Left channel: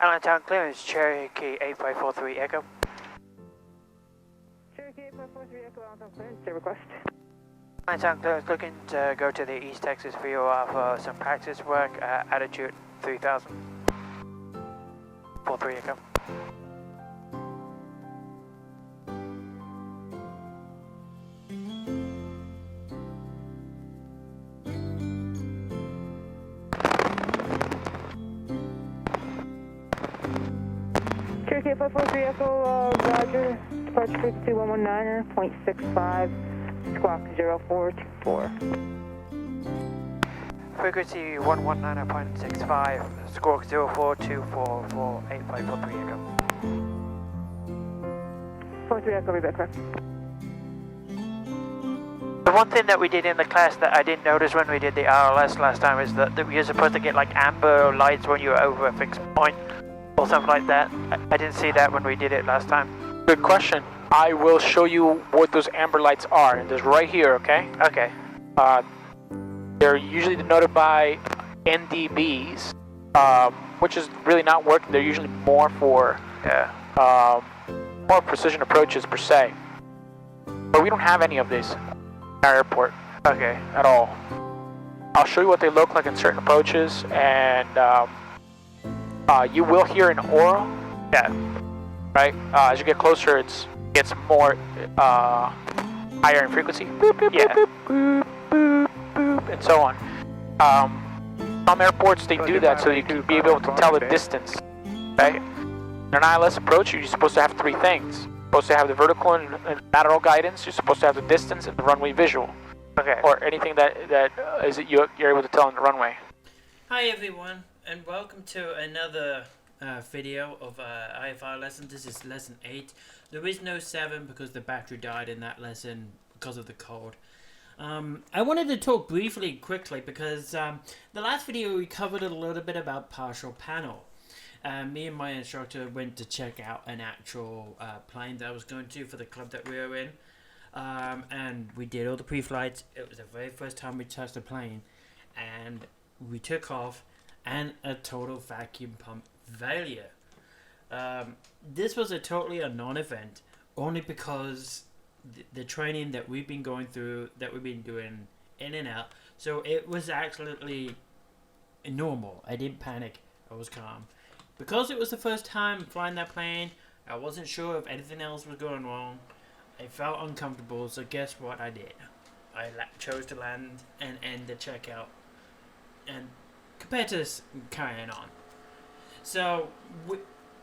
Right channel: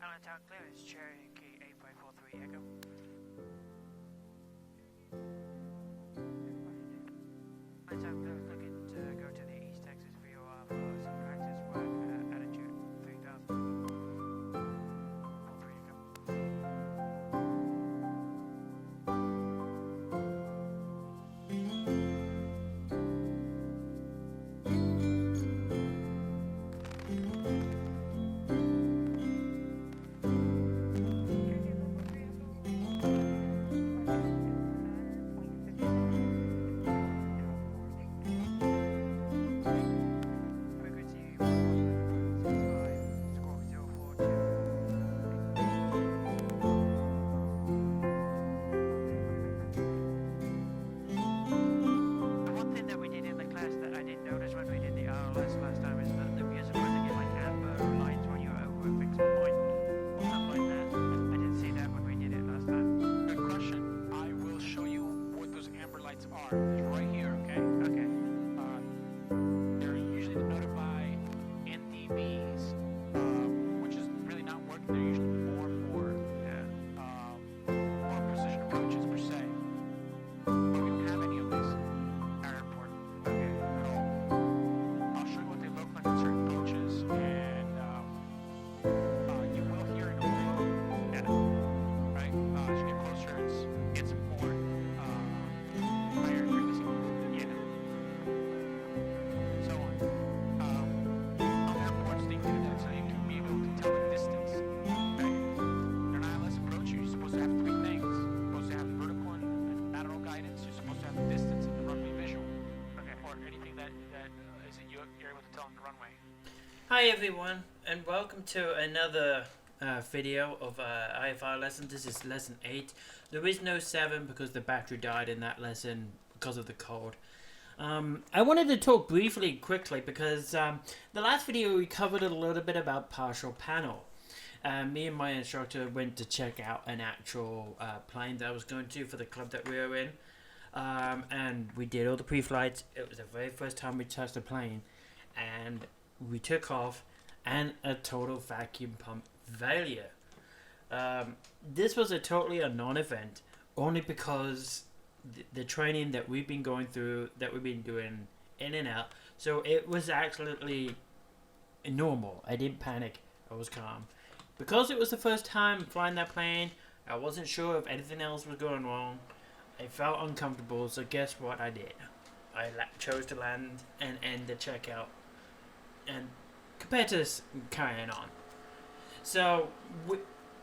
Allentown clearance, Cherokee 8543 Echo. Cherokee 8543 Echo, Allentown clearance, say request. Allentown clearance, looking to go to the East Texas VOR for some practice work at altitude 3000. 43 Echo. Cherokee 543 Echo, Roger. Departure frequency 119.65, squawk 0424. Frequency 119.65, squawk 0424 for 8543 Echo. 43 Echo, be back correct. The one thing that we did in the class that I didn't notice when we did the RLS last time is that we were supposed to get like amber lights when you were over a fixed point or something like that. I didn't see that when we did it last time. Good question. I will show you what those amber lights are. It's right here, okay? Okay. They're usually denoted by NDBs, which is really not working. They're usually more for more precision approaches per se. But we don't have any of these in our airport. Okay. At all. I'll show you what they look like in certain approaches, and you will hear an aura. Yeah. Right? As you get closer, it gets more higher in frequency. Boop, boop, Yeah. boop, boop, boop, boop, and so on. Some airports, they do that so you can be able to tell the distance. Right? In an ILS approach, you're supposed to have three things. You're supposed to have the vertical and lateral guidance. You're supposed to have the distance and the runway visual. Okay. Or anything that is that you're able to tell on the runway. Hi everyone, and welcome to another video of IFR Lesson. This is lesson 8. There is no 7 because the battery died in that lesson because of the cold. I wanted to talk quickly, because the last video we covered a little bit about partial panel. Me and my instructor went to check out an actual plane that I was going to for the club that we were in. And we did all the pre-flights. It was the very first time we touched the plane. And we took off, and a total vacuum pump failure. This was totally a non-event, only because the training that we've been going through, that we've been doing in and out, so it was absolutely normal. I didn't panic. I was calm. Because it was the first time flying that plane, I wasn't sure if anything else was going wrong. I felt uncomfortable, so guess what I did? I chose to land and end the checkout, and compared to this, carrying on. So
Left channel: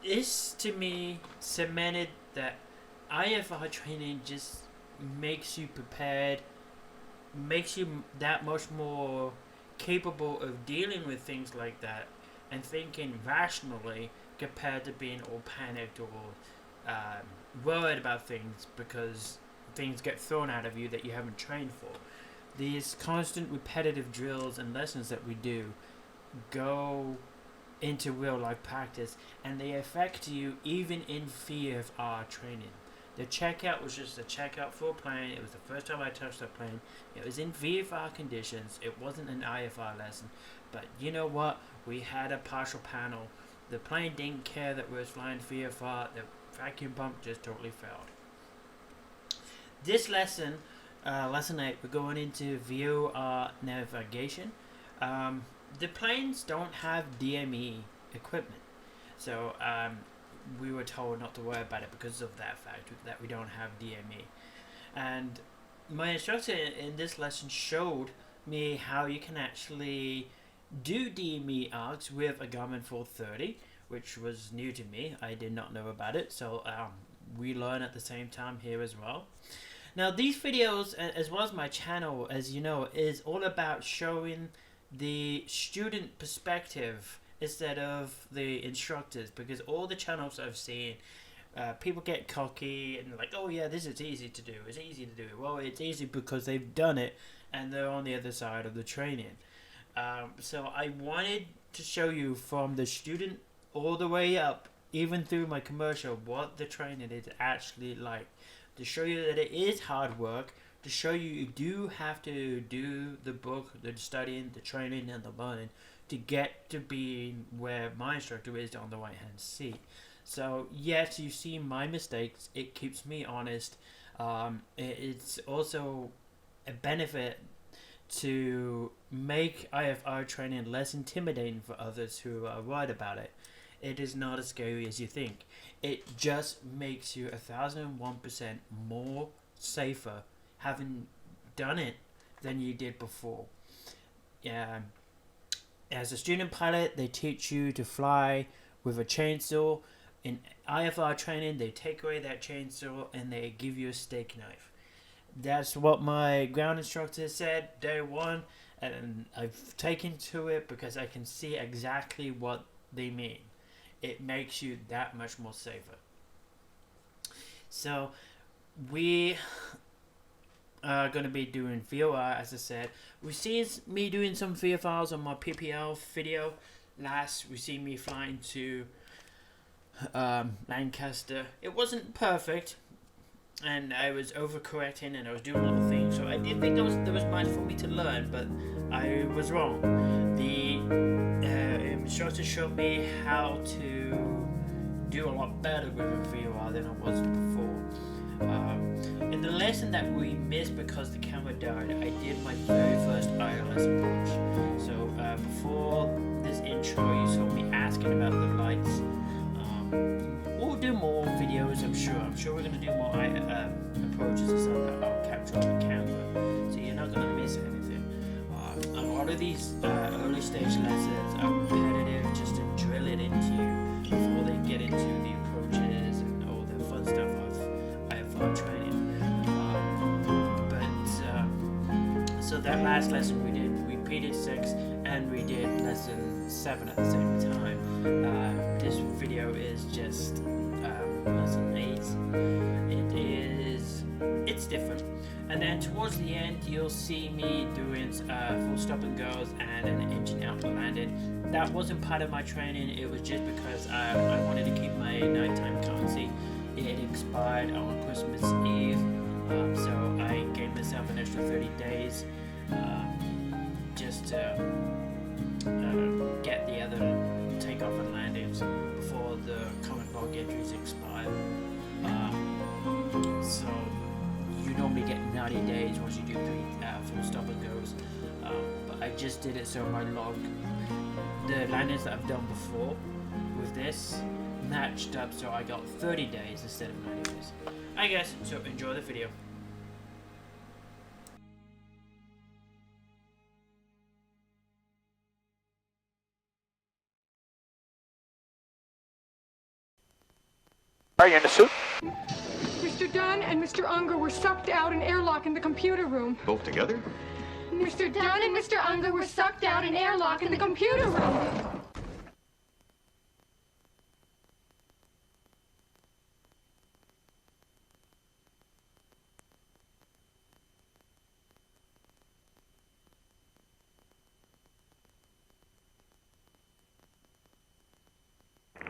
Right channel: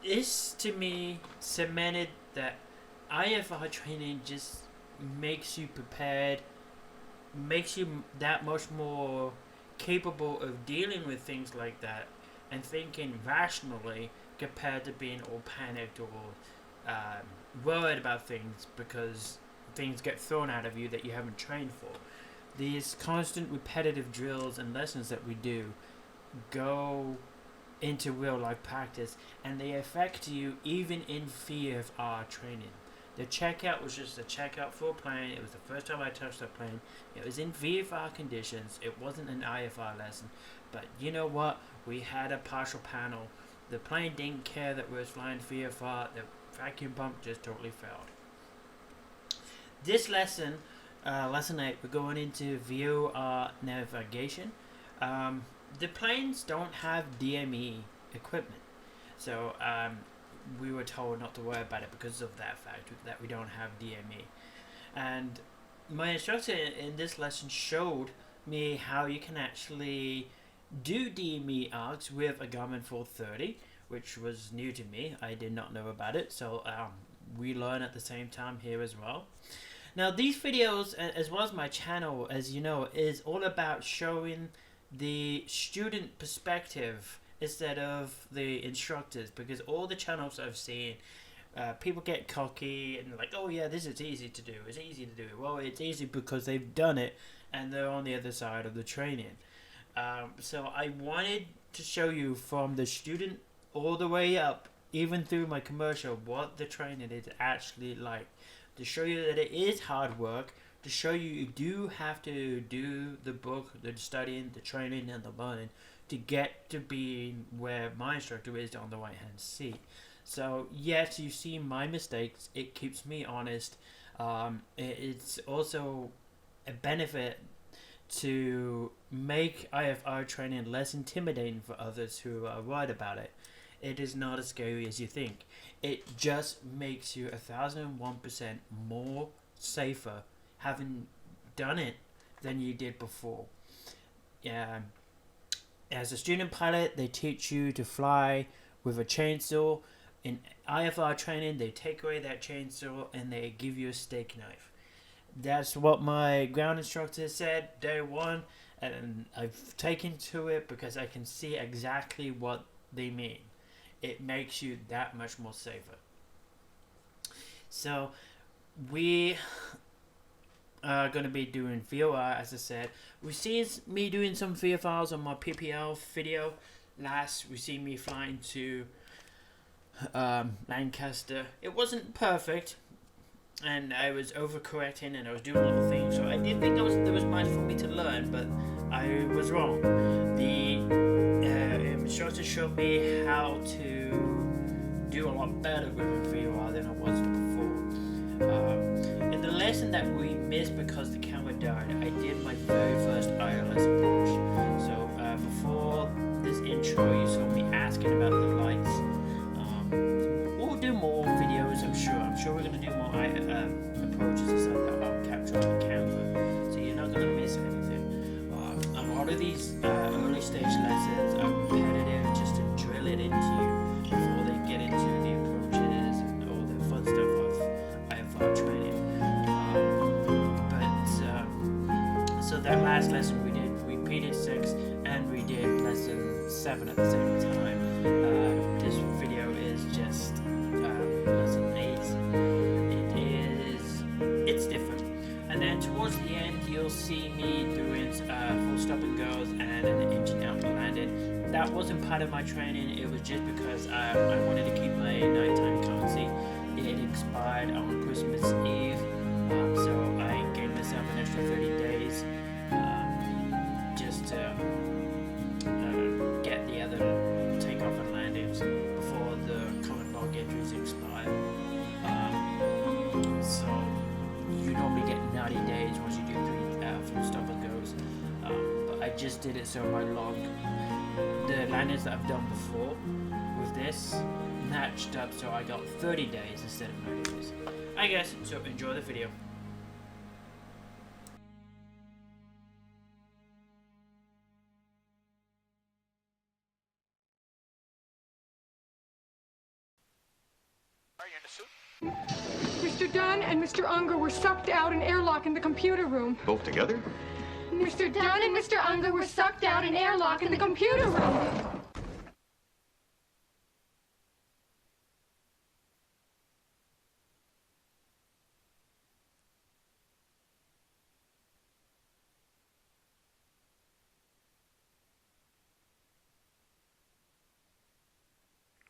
this to me cemented that IFR training just makes you prepared, makes you that much more capable of dealing with things like that and thinking rationally, compared to being all panicked or worried about things because things get thrown out of you that you haven't trained for. These constant repetitive drills and lessons that we do go into real life practice, and they affect you even in VFR training. The checkout was just a checkout for a plane. It was the first time I touched that plane. It was in VFR conditions. It wasn't an IFR lesson. But you know what? We had a partial panel. The plane didn't care that we were flying VFR. The vacuum pump just totally failed. This lesson, lesson 8, we're going into VOR Navigation. The planes don't have DME equipment. So we were told not to worry about it because of that fact, that we don't have DME. And my instructor in this lesson showed me how you can actually do DME arcs with a Garmin 430, which was new to me. I did not know about it, so we learn at the same time here as well. Now these videos, as well as my channel, as you know, is all about showing the student perspective instead of the instructors, because all the channels I've seen, people get cocky and like, oh yeah, this is easy to do, it's easy to do. Well, it's easy because they've done it and they're on the other side of the training. So I wanted to show you from the student all the way up, even through my commercial, what the training is actually like, to show you that it is hard work, to show you do have to do the book, the studying, the training, and the learning to get to be where my instructor is on the right hand seat. So yes, you see my mistakes. It keeps me honest. It's also a benefit to make IFR training less intimidating for others who are worried about it. It is not as scary as you think. It just makes you 1001% more safer having done it than you did before. As a student pilot, they teach you to fly with a chainsaw. In IFR training, they take away that chainsaw and they give you a steak knife. That's what my ground instructor said day one, and I've taken to it because I can see exactly what they mean. It makes you that much more safer. So we are going to be doing VOR, as I said. We've seen me doing some VFRs on my PPL video. Last, we see me flying to Lancaster. It wasn't perfect, and I was overcorrecting and I was doing little things, so I did think there was much for me to learn, but I was wrong. The instructor showed me how to do a lot better with a VOR than I was before. In the lesson that we missed because the camera died, I did my very first ILS approach. So before this intro, you saw me asking about the lights. We'll do more videos, I'm sure. I'm sure we're going to do more approaches and stuff that I'll capture on the camera, so you're not going to miss anything. A lot of these early stage lessons are repetitive, just to drill it into you before they get into the approaches and all the fun stuff of IFR training. So that last lesson we did repeated 6 and we did lesson 7 at the same time. This video is just lesson 8. It's different. And then towards the end, you'll see me doing full stop and goes and an engine out and landing. That wasn't part of my training. It was just because I wanted to keep my nighttime currency. It expired on Christmas Eve, so I gave myself an extra 30 days just to get the other takeoff and landings before the current log entries expire. So you normally get 90 days once you do 3 full stop and goes, but I just did it so my log, the landings that I've done before with this, matched up, so I got 30 days instead of 90 days. I guess, so enjoy the video. Are you in the suit? Mr. Dunn and Mr. Unger were sucked out and airlock in the computer room. Both together? Mr. Dunn and Mr. Unger were sucked out and airlock in the computer room.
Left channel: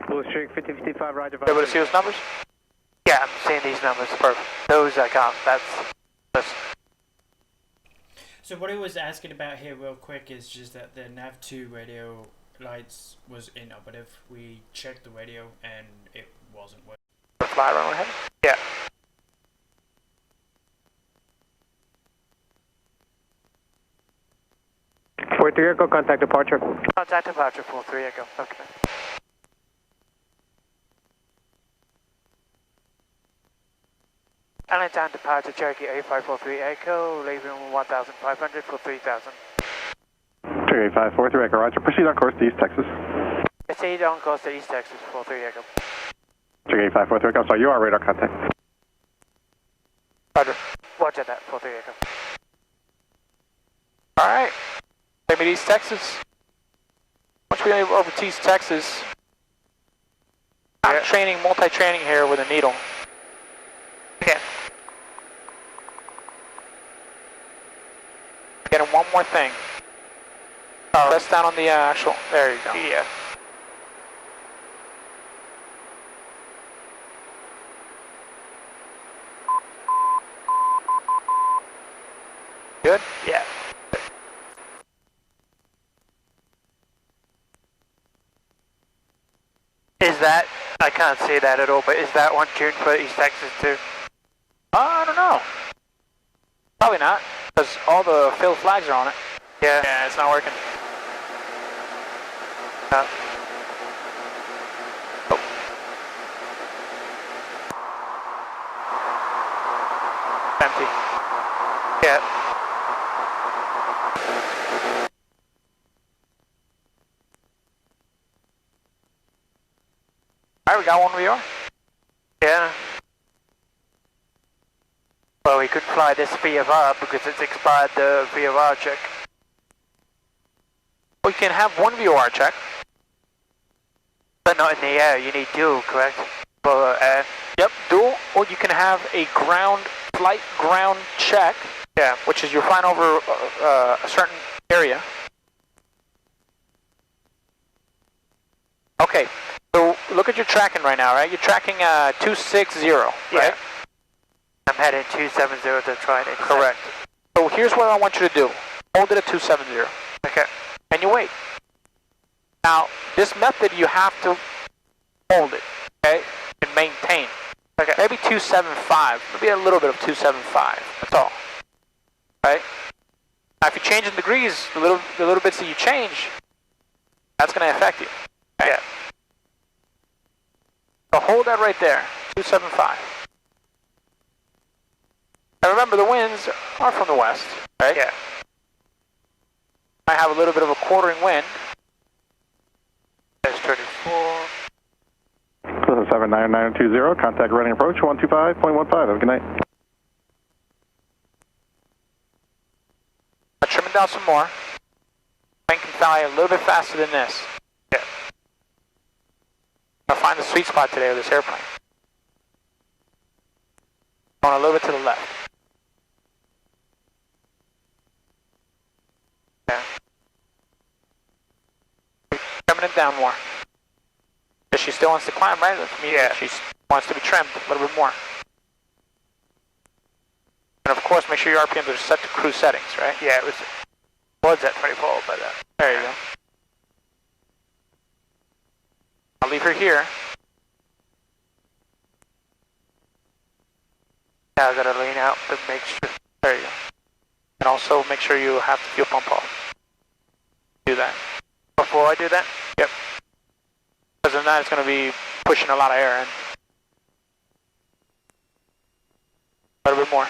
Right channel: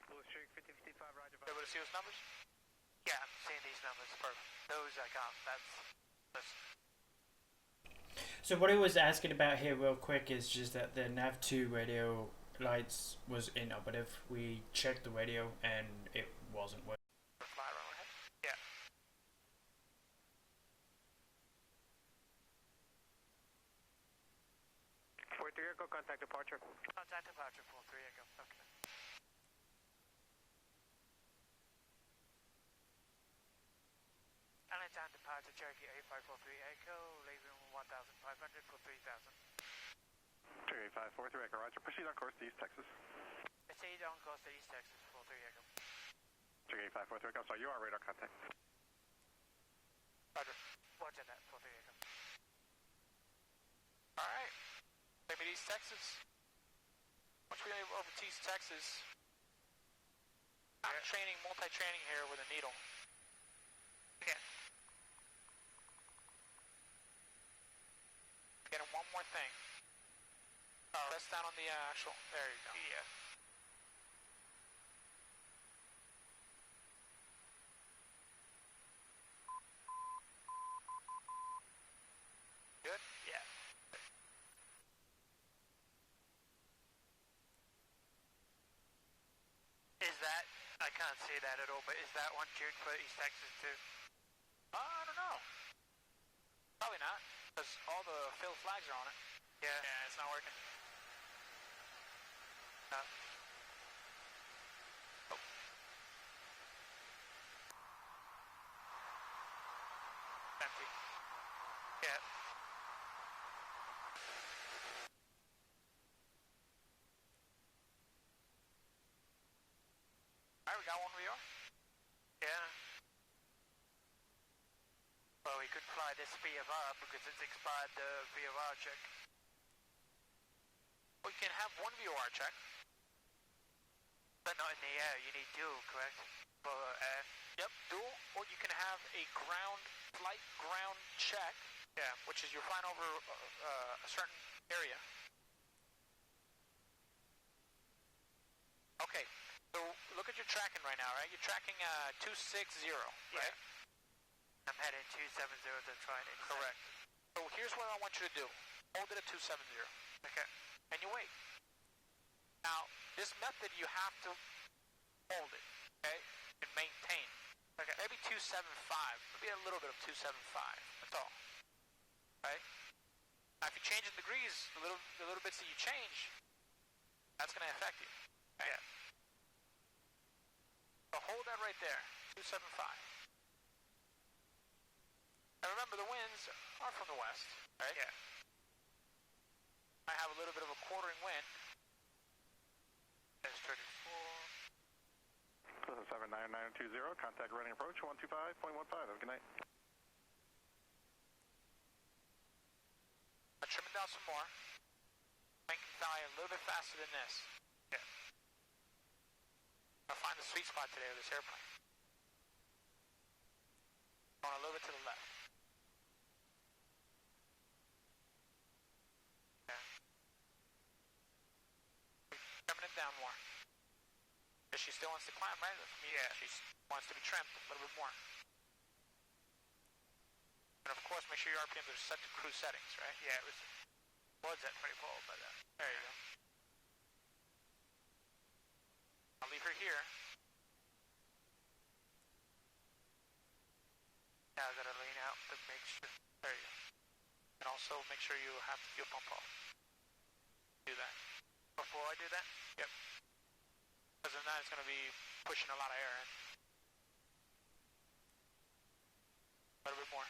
Blue Streak 5055, Roger. Able to see those numbers? Yeah, I'm seeing these numbers. Perfect. Those I can't. That's. So what he was asking about here real quick is just that the nav2 radio lights was inoperative. We checked the radio and it wasn't working. Fly around ahead? Yeah. Fort 3 Echo, contact departure. Contact departure 43 Echo. Okay. Island time departure Cherokee A543 Echo, leaving 1,500 for 3,000. Cherokee 543 Echo, Roger. Proceed on course to East Texas. Proceed on course to East Texas 43 Echo. Cherokee 543 Echo, sorry, you are radar contact. Roger. Roger that 43 Echo. Alright. Maybe East Texas. Once we get over to East Texas, I'm training, multi-training here with a needle. Okay. Getting one more thing. Press down on the actual, there you go. Yeah. Good? Yeah. Is that, I can't see that at all, but is that one tuned for East Texas too? I don't know. Probably not, because all the field flags are on it. Yeah. Yeah, it's not working. Oh. Empty. Yeah. Alright, we got one VOR. Yeah. Well, we could fly this VFR because it's expired the VFR check. We can have one VOR check. But not in the air, you need dual, correct? For air. Yep, dual, or you can have a flight ground check. Yeah. Which is you're flying over a certain area. Okay, so look at your tracking right now, right? You're tracking 260, right? Yeah. I'm heading 270 to try and intercept. Correct. So here's what I want you to do. Hold it at 270. Okay. And you wait. Now, this method you have to hold it, okay? And maintain. Okay. Maybe 275, maybe a little bit of 275, that's all. Right? Now if you change in degrees, the little bits that you change, that's going to affect you. Okay? Yeah. So hold that right there, 275. And remember, the winds are from the west, right? Yeah. I have a little bit of a quartering wind. That's 24. 79920, contact running approach 125.15. Have a good night. I'll trim it down some more. Plane can fly a little bit faster than this. Yeah. I'll find the sweet spot today with this airplane. Going a little bit to the left. Yeah. Trimming it down more. Because she still wants to climb, right? That means Yeah. that she wants to be trimmed a little bit more. And of course, make sure your RPMs are set to cruise settings, right? Yeah, it was at 24, but There you go. I'll leave her here. now I gotta lean out to make sure. There you go. And also make sure you have the fuel pump off. Do that. Before I do that? Yep. Because then it's going to be pushing a lot of air in. A little bit more.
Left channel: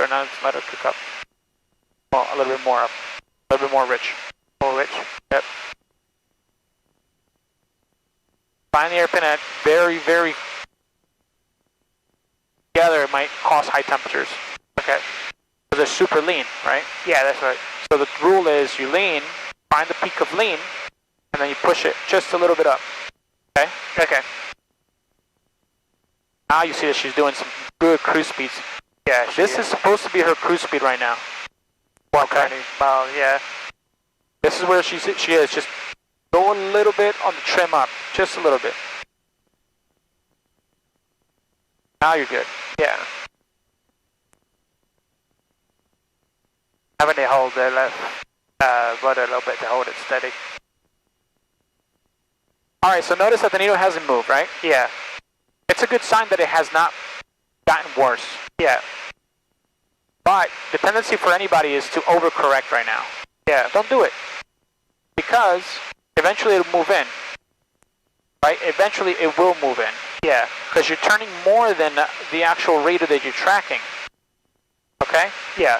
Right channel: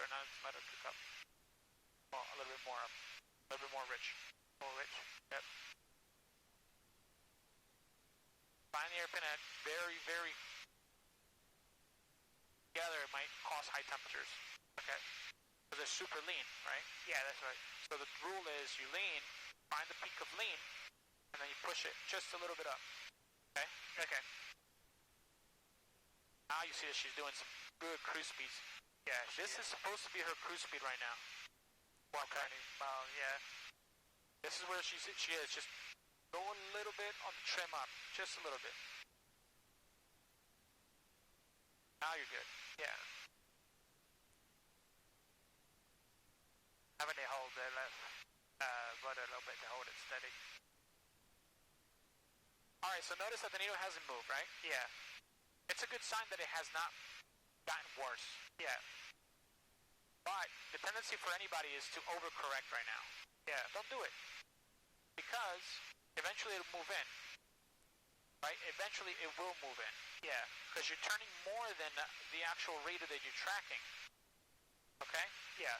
Or not, let it kick up. Well, a little bit more up. A little bit more rich. More rich? Yep. Find the airpin at very, very... Together it might cause high temperatures. Okay. So they're super lean, right? Yeah, that's right. So the rule is you lean, find the peak of lean, and then you push it just a little bit up. Okay? Okay. Now you see that she's doing some good cruise speeds. Yeah, This is supposed to be her cruise speed right now. 120 miles, yeah. This is where she is. Just go a little bit on the trim up. Just a little bit. Now you're good. Yeah. Having to hold the left rudder a little bit to hold it steady. Alright, so notice that the needle hasn't moved, right? Yeah. It's a good sign that it has not gotten worse. Yeah. But the tendency for anybody is to overcorrect right now. Yeah. Don't do it. Because eventually it'll move in. Right? Eventually it will move in. Yeah. Because you're turning more than the actual rate that you're tracking. Okay? Yeah.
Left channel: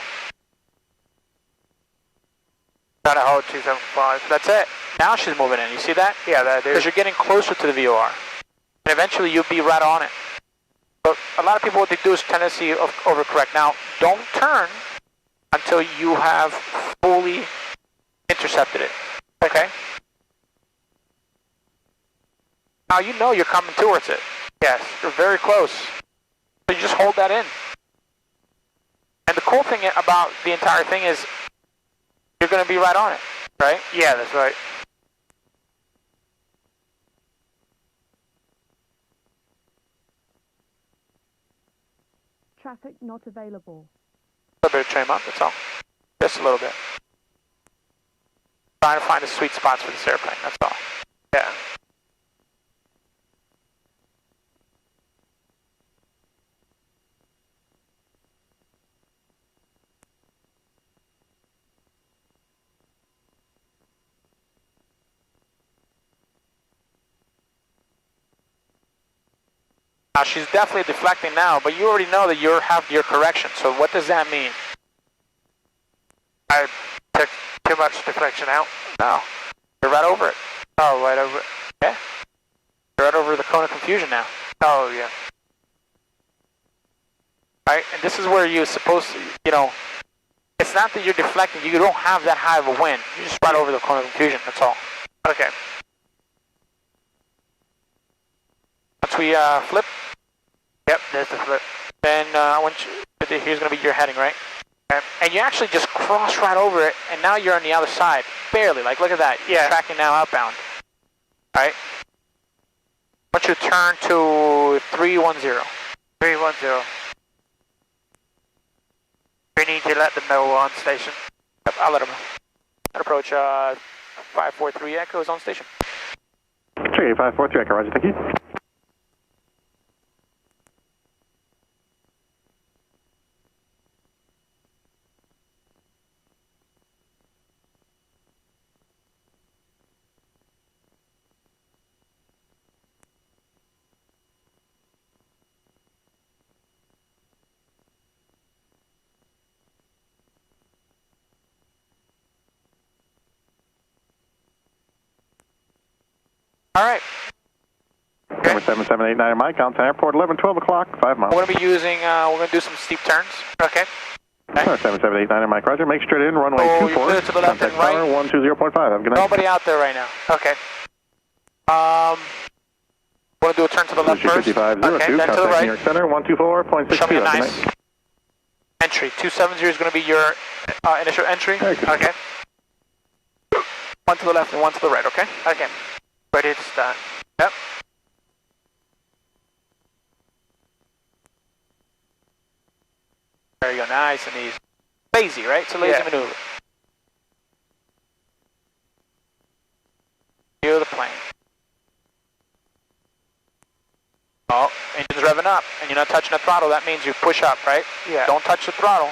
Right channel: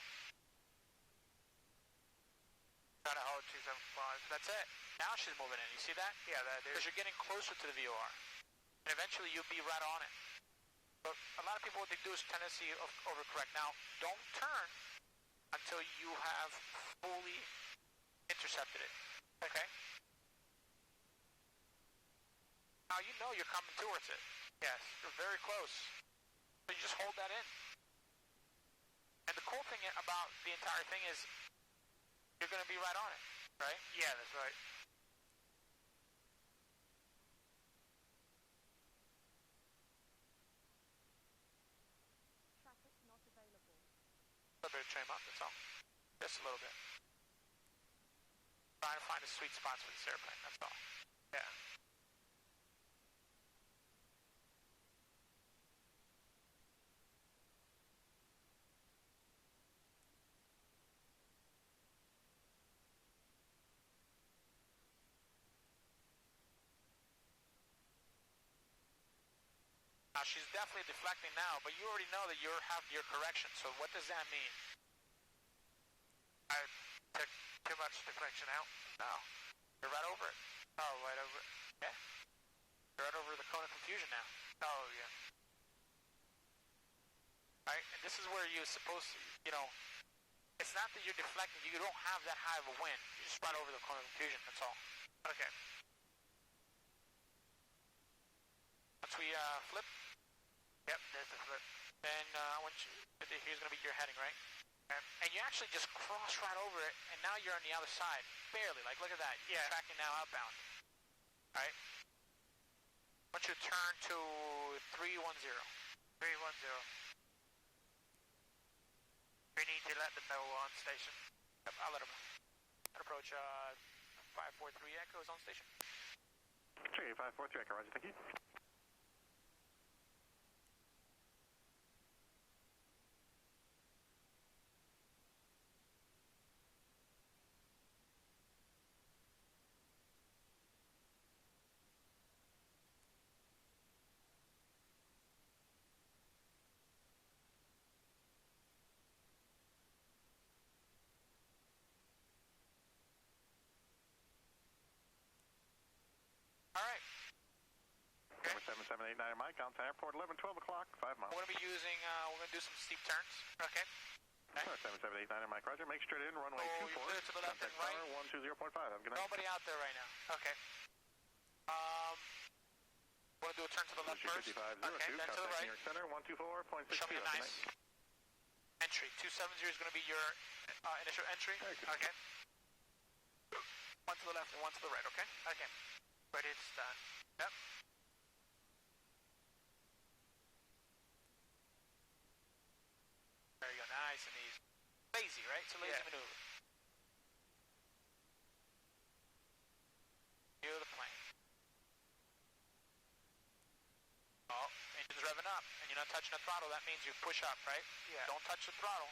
Trying to hold 275. That's it. Now she's moving in. You see that? Yeah, that Because is. you're getting closer to the VOR. And eventually you'll be right on it. But a lot of people, what they do is tendency of overcorrect. Now, don't turn until you have fully intercepted it. Okay? Now you know you're coming towards it. Yes. You're very close. So you just hold that in. And the cool thing about the entire thing is you're going to be right on it, right? Yeah, that's right. Traffic not available. A little bit of trim up, that's all. Just a little bit. Trying to find the sweet spots for this airplane, that's all. Yeah. Now she's definitely deflecting now, but you already know that you have your correction. So what does that mean? I took too much deflection out. No, you're right over it. Oh, right over it. Yeah, you're right over the cone of confusion now. Oh, yeah. Right, and this is where you're supposed to, you know, it's not that you're deflecting, you don't have that high of a wind. You're just right over the cone of confusion, that's all. Okay. Once we flip. Yep, there's the flip. Then I want you, here's going to be your heading, right? Okay. And you actually just cross right over it, and now you're on the other side. Barely, like look at that. Yeah. You're tracking now outbound. Alright? I want you to turn to 310. 310. We need to let them know we're on station. Yep, I'll let them know. And approach 543 Echo is on station. Trigger 543 Echo, roger, thank you. Alright. Number 7789 Mike, on airport, 12 o'clock, 5 miles. We're going to be using, we're going to do some steep turns. Okay. Number 7789 Mike, roger, make straight in, runway Oh, you're 24, clear to the left and contact right. tower 120.5, have a good night. Nobody out there right now. Okay. We're going to do a turn to the left first. 5502, Okay, then to the contact right. New York Center, 124.62, Show me a have a good nice night. entry. 270 is going to be your initial entry. Very good. Okay. One to the left and one to the right, okay? Okay. Ready to start. Yep. There you go, nice and easy. Lazy, right? It's a lazy Yeah. maneuver. View the plane. Oh, engine's revving up, and you're not touching the throttle. That means you push up, right? Yeah. Don't touch the throttle.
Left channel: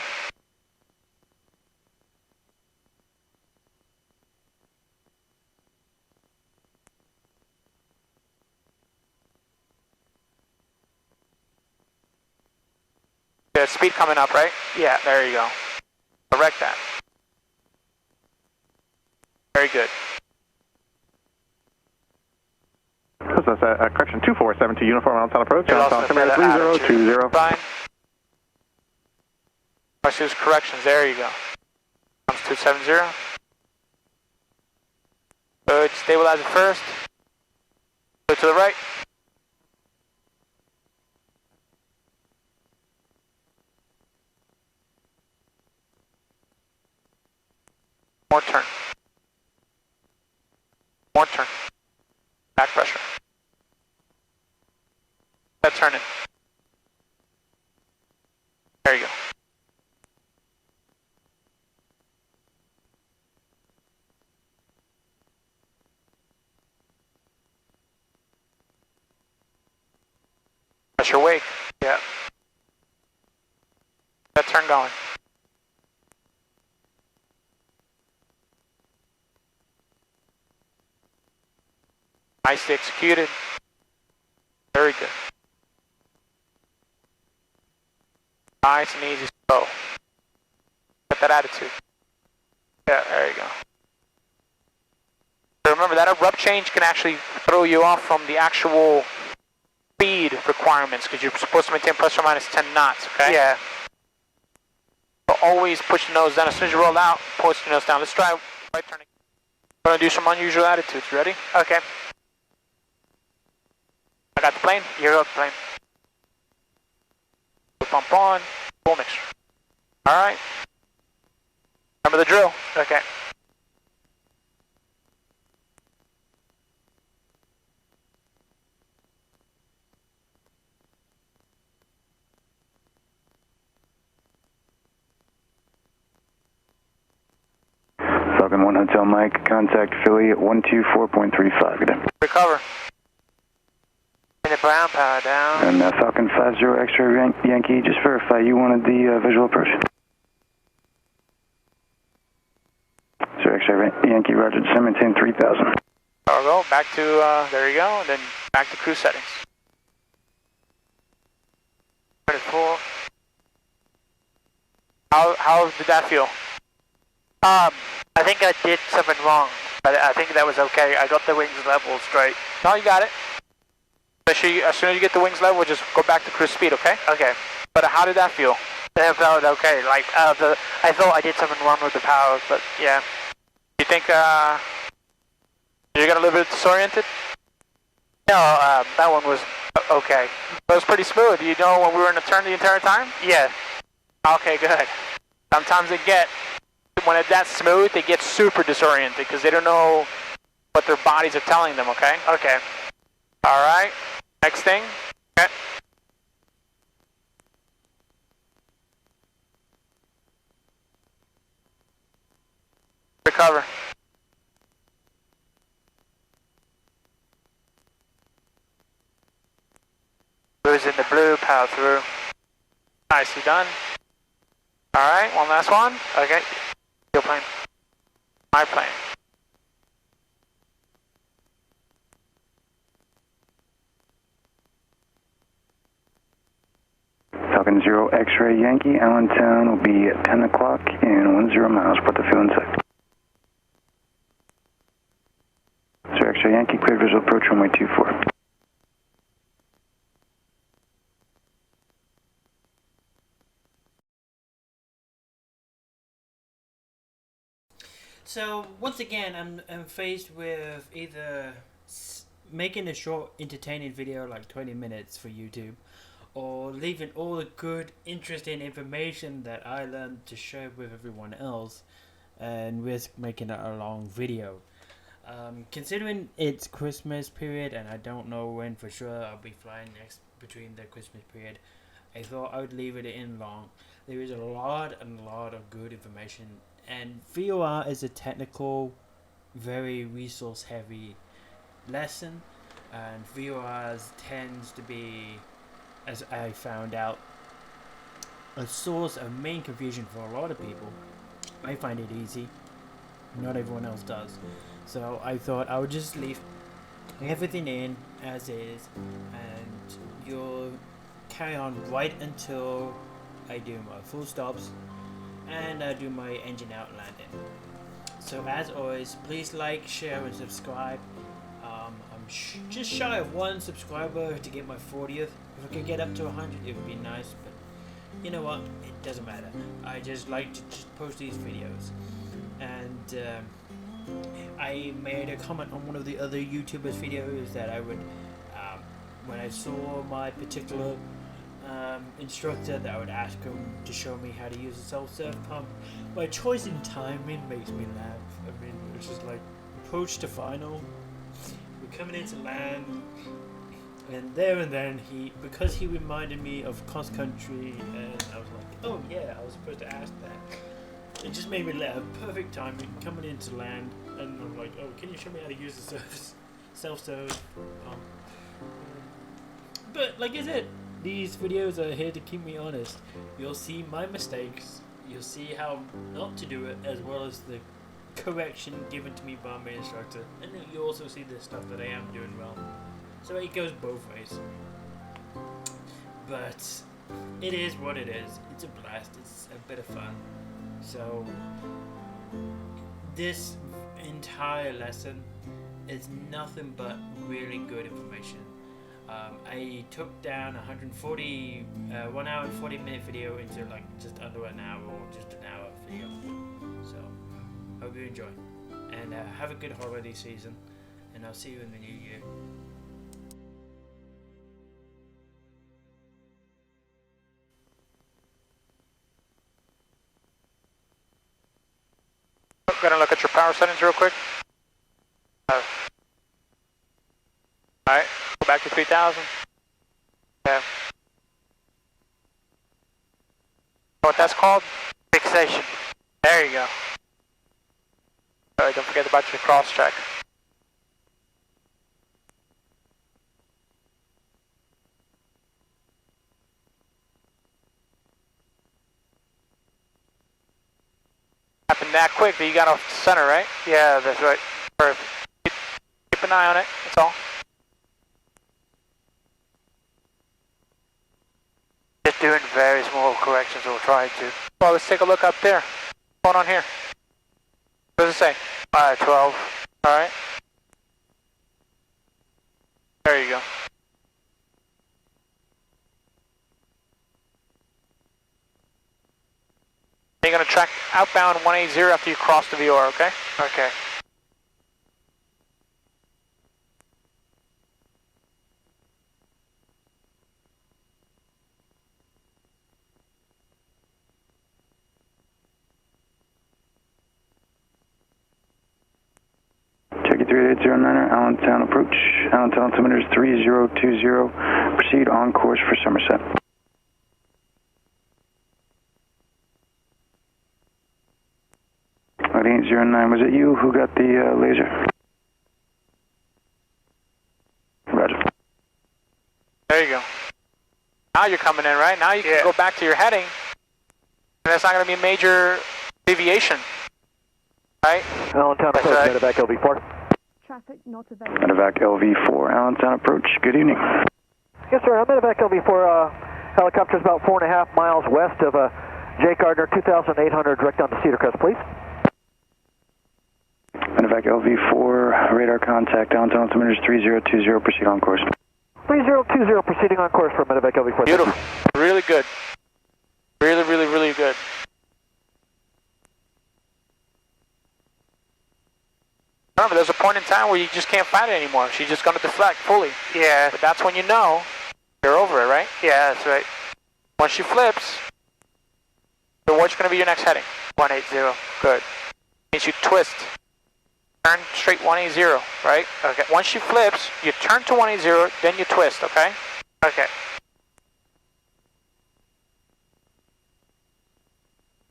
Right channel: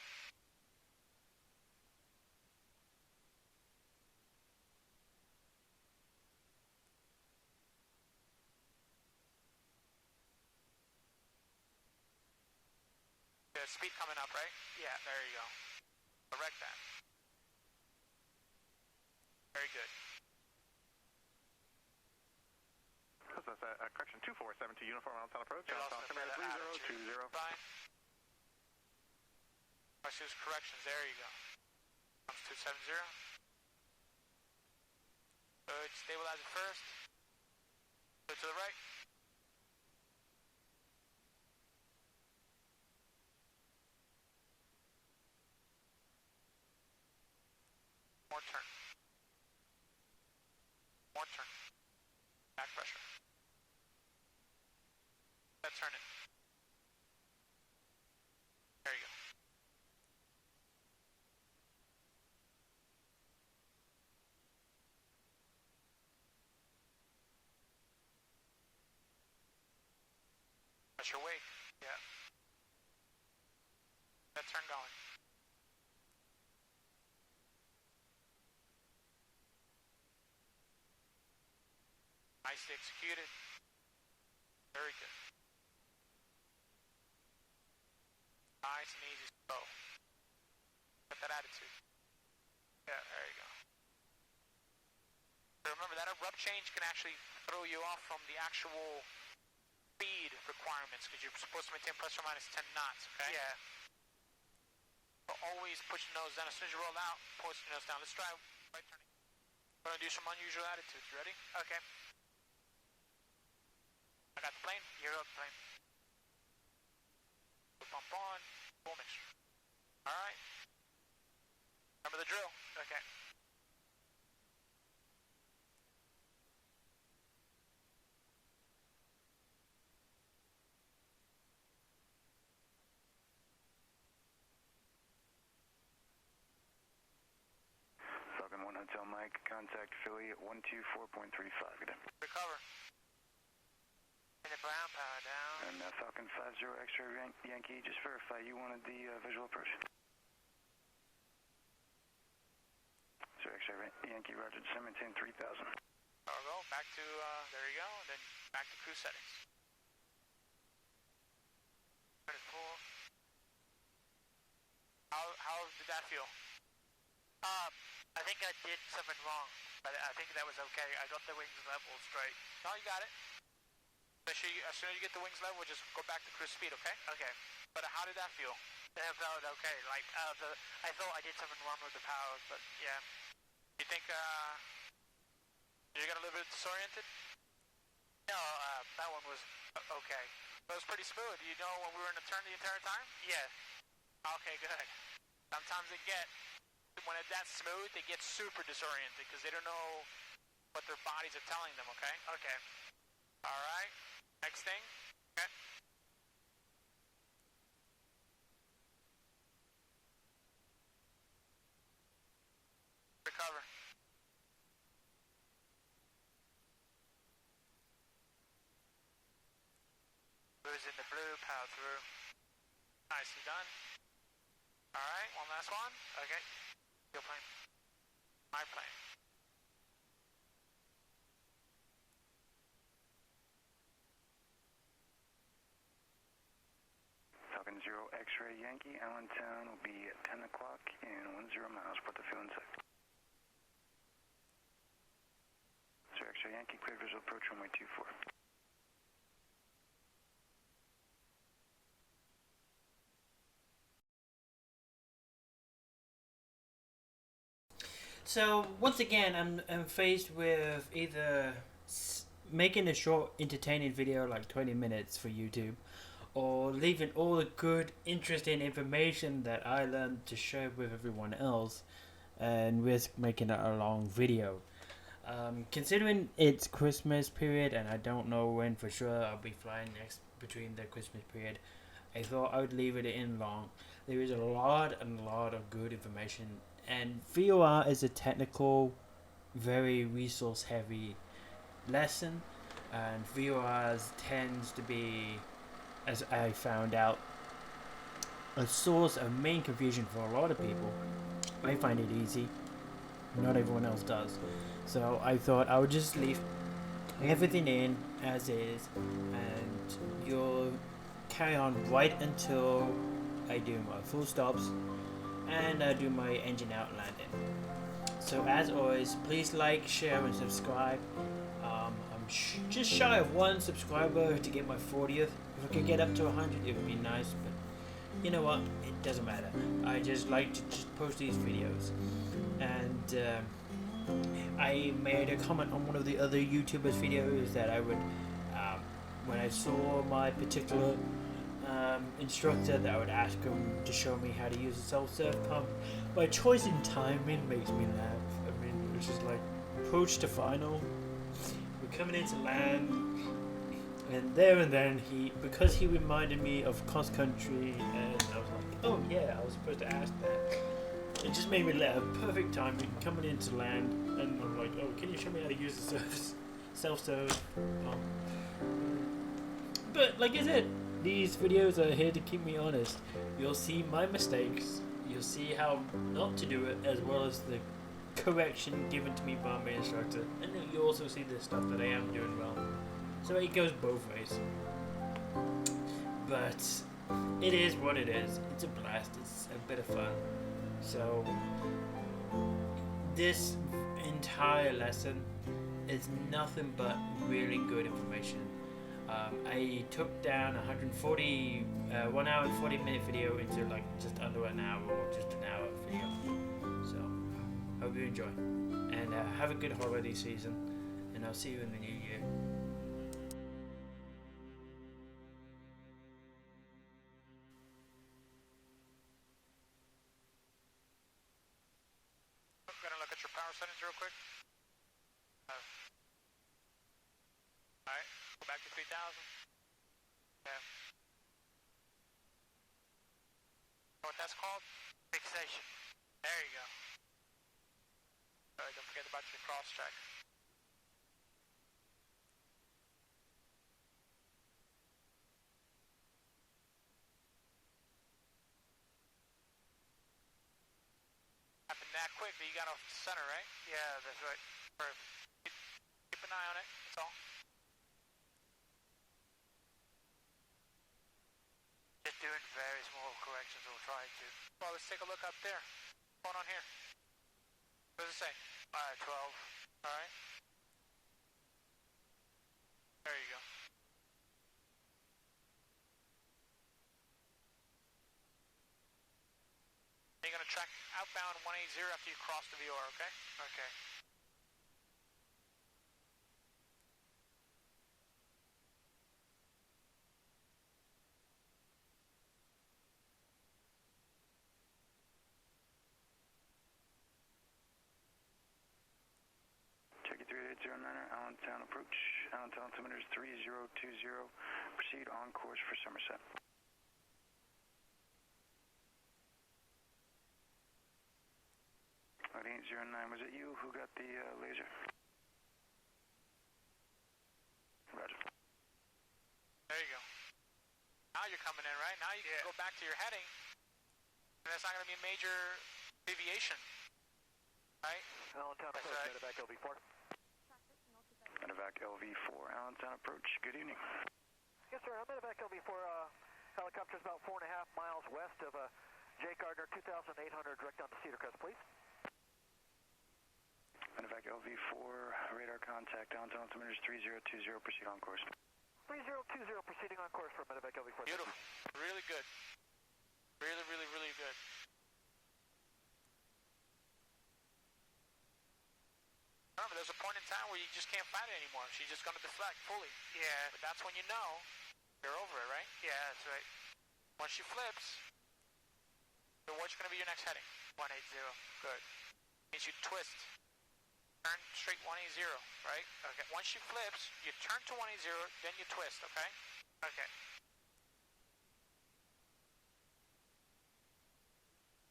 There's speed coming up, right? Yeah. There you go. Correct that. Very good. That's correction 2472, uniform on approach, You're on also altimeter better attitude. 3020. Fine. Let's use corrections. There you go. Comes 270. Good. Stabilize it first. Go to the right. More turn. More turn. Back pressure. That turn in. There you go. Pressure wake. Yeah. That turn going. Nicely executed. Very good. Nice and easy slow. Get that attitude. Yeah, there you go. So remember that abrupt change can actually throw you off from the actual speed requirements because you're supposed to maintain plus or minus 10 knots, okay? Yeah. So always push the nose down. As soon as you roll out, push the nose down. Let's try right turning. We're going to do some unusual attitudes. Ready? Okay. I got the plane. You're up, plane. Pump on. Full mixture. All right. Remember the drill. Okay. Falcon 1 Hotel Mike, contact Philly at 124.35. Good day. Recover. And the brown power down. And Falcon 50 X-ray Yankee, just verify you wanted the visual approach. Sir, X-ray Yankee, roger, descend, maintain 3000. Cargo, back to, there you go, and then back to cruise settings. 24. How did that feel? I think I did something wrong, but I think that was okay. I got the wings level straight. No, you got it. As soon as you get the wings level, just go back to cruise speed, okay? Okay. But how did that feel? That felt okay. Like, I thought I did something wrong with the power, but yeah. You think you got a little bit disoriented? No, that one was okay. It was pretty smooth. You know when we were in a turn the entire time? Yeah. Okay, good. Sometimes when it's that smooth, they get super disoriented because they don't know what their bodies are telling them, okay? Okay. All right. Next thing. Okay. Recover. Blue's in the blue, power through. Nicely done. All right, one last one. Okay. Your plane. My plane. Falcon 0 X-ray Yankee, Allentown will be at 10 o'clock and 10 miles, put the fuel in sight. 0 X-ray Yankee, cleared visual approach runway 24. So once again, I'm faced with either making a short, entertaining video like 20 minutes for YouTube, or leaving all the good, interesting information that I learned to share with everyone else, and risk making it a long video. Considering it's Christmas period, and I don't know when for sure I'll be flying next between the Christmas period, I thought I would leave it in long. There is a lot of good information. And VOR is a technical, very resource heavy lesson, and VOR tends to be, as I found out, a source of main confusion for a lot of people. I find it easy, not everyone else does. So I thought I would just leave everything in as is, and you'll carry on right until I do my full stops and I do my engine out landing. So as always, please like, share and subscribe. I'm just shy of 1 subscriber to get my 40th. If I could get up to 100, it would be nice, but you know what, it doesn't matter. I just like to just post these videos. And I made a comment on one of the other YouTubers' videos that I would, when I saw my particular instructor, that I would ask him to show me how to use a self-serve pump. My choice in timing makes me laugh. I mean, it's just like approach to final, we're coming into land, and there and then because he reminded me of cross country, and I was like, oh yeah, I was supposed to ask that. It just made me laugh. Perfect timing, coming into land, and I'm like, oh, can you show me how to use the self-serve pump? But like I said, these videos are here to keep me honest. You'll see my mistakes, you'll see how not to do it, as well as the correction given to me by my instructor, and then you also see the stuff that I am doing well. So it goes both ways. But it is what it is. It's a blast, it's a bit of fun. So this entire lesson is nothing but really good information. I took down 1 hour and 40 minute video into like just under an hour or just an hour video. So hope you enjoy, and have a good holiday season, and I'll see you in the new year. Gonna look at your power settings real quick. Alright, go back to 3000. Yeah. Know what that's called? Fixation. There you go. Alright, don't forget about your cross check. Happened that quick that you got off the center, right? Yeah, that's right. Perfect. Keep an eye on it, that's all. doing very small corrections or trying to. Well, let's take a look up there. What's going on here? What does it say? 12. Alright. There you go. You're going to track outbound 180 after you cross the VOR, okay? Okay. Check it 3809er, Allentown approach. Allentown altimeter is 3020. Proceed on course for Somerset. At 809, was it you who got the laser? Roger. There you go. Now you're coming in, right? Now you can go back to your heading, and that's not going to be a major deviation, right? Allentown approach, medevac LV4. Traffic not available. Medevac LV4, Allentown approach. Good evening. Yes, sir. Medevac LV4 helicopter is about 4.5 miles west of Jake Gardner 2800, direct down to Cedar Crest, please. Medevac LV4, radar contact, Allentown altimeter is 3020. Proceed on course. 3020, proceeding on course for Medevac LV4. Beautiful. Really good. Really, really, really good. Remember, there's a point in time where you just can't fight it anymore. She's just going to deflect fully. Yeah. But that's when you know you're over it, right? Yeah, that's right. Once she flips, so what's going to be your next heading? 180. Good. Means you twist. Turn straight 180, right? Okay. Once she flips, you turn to 180, then you twist, okay? Okay.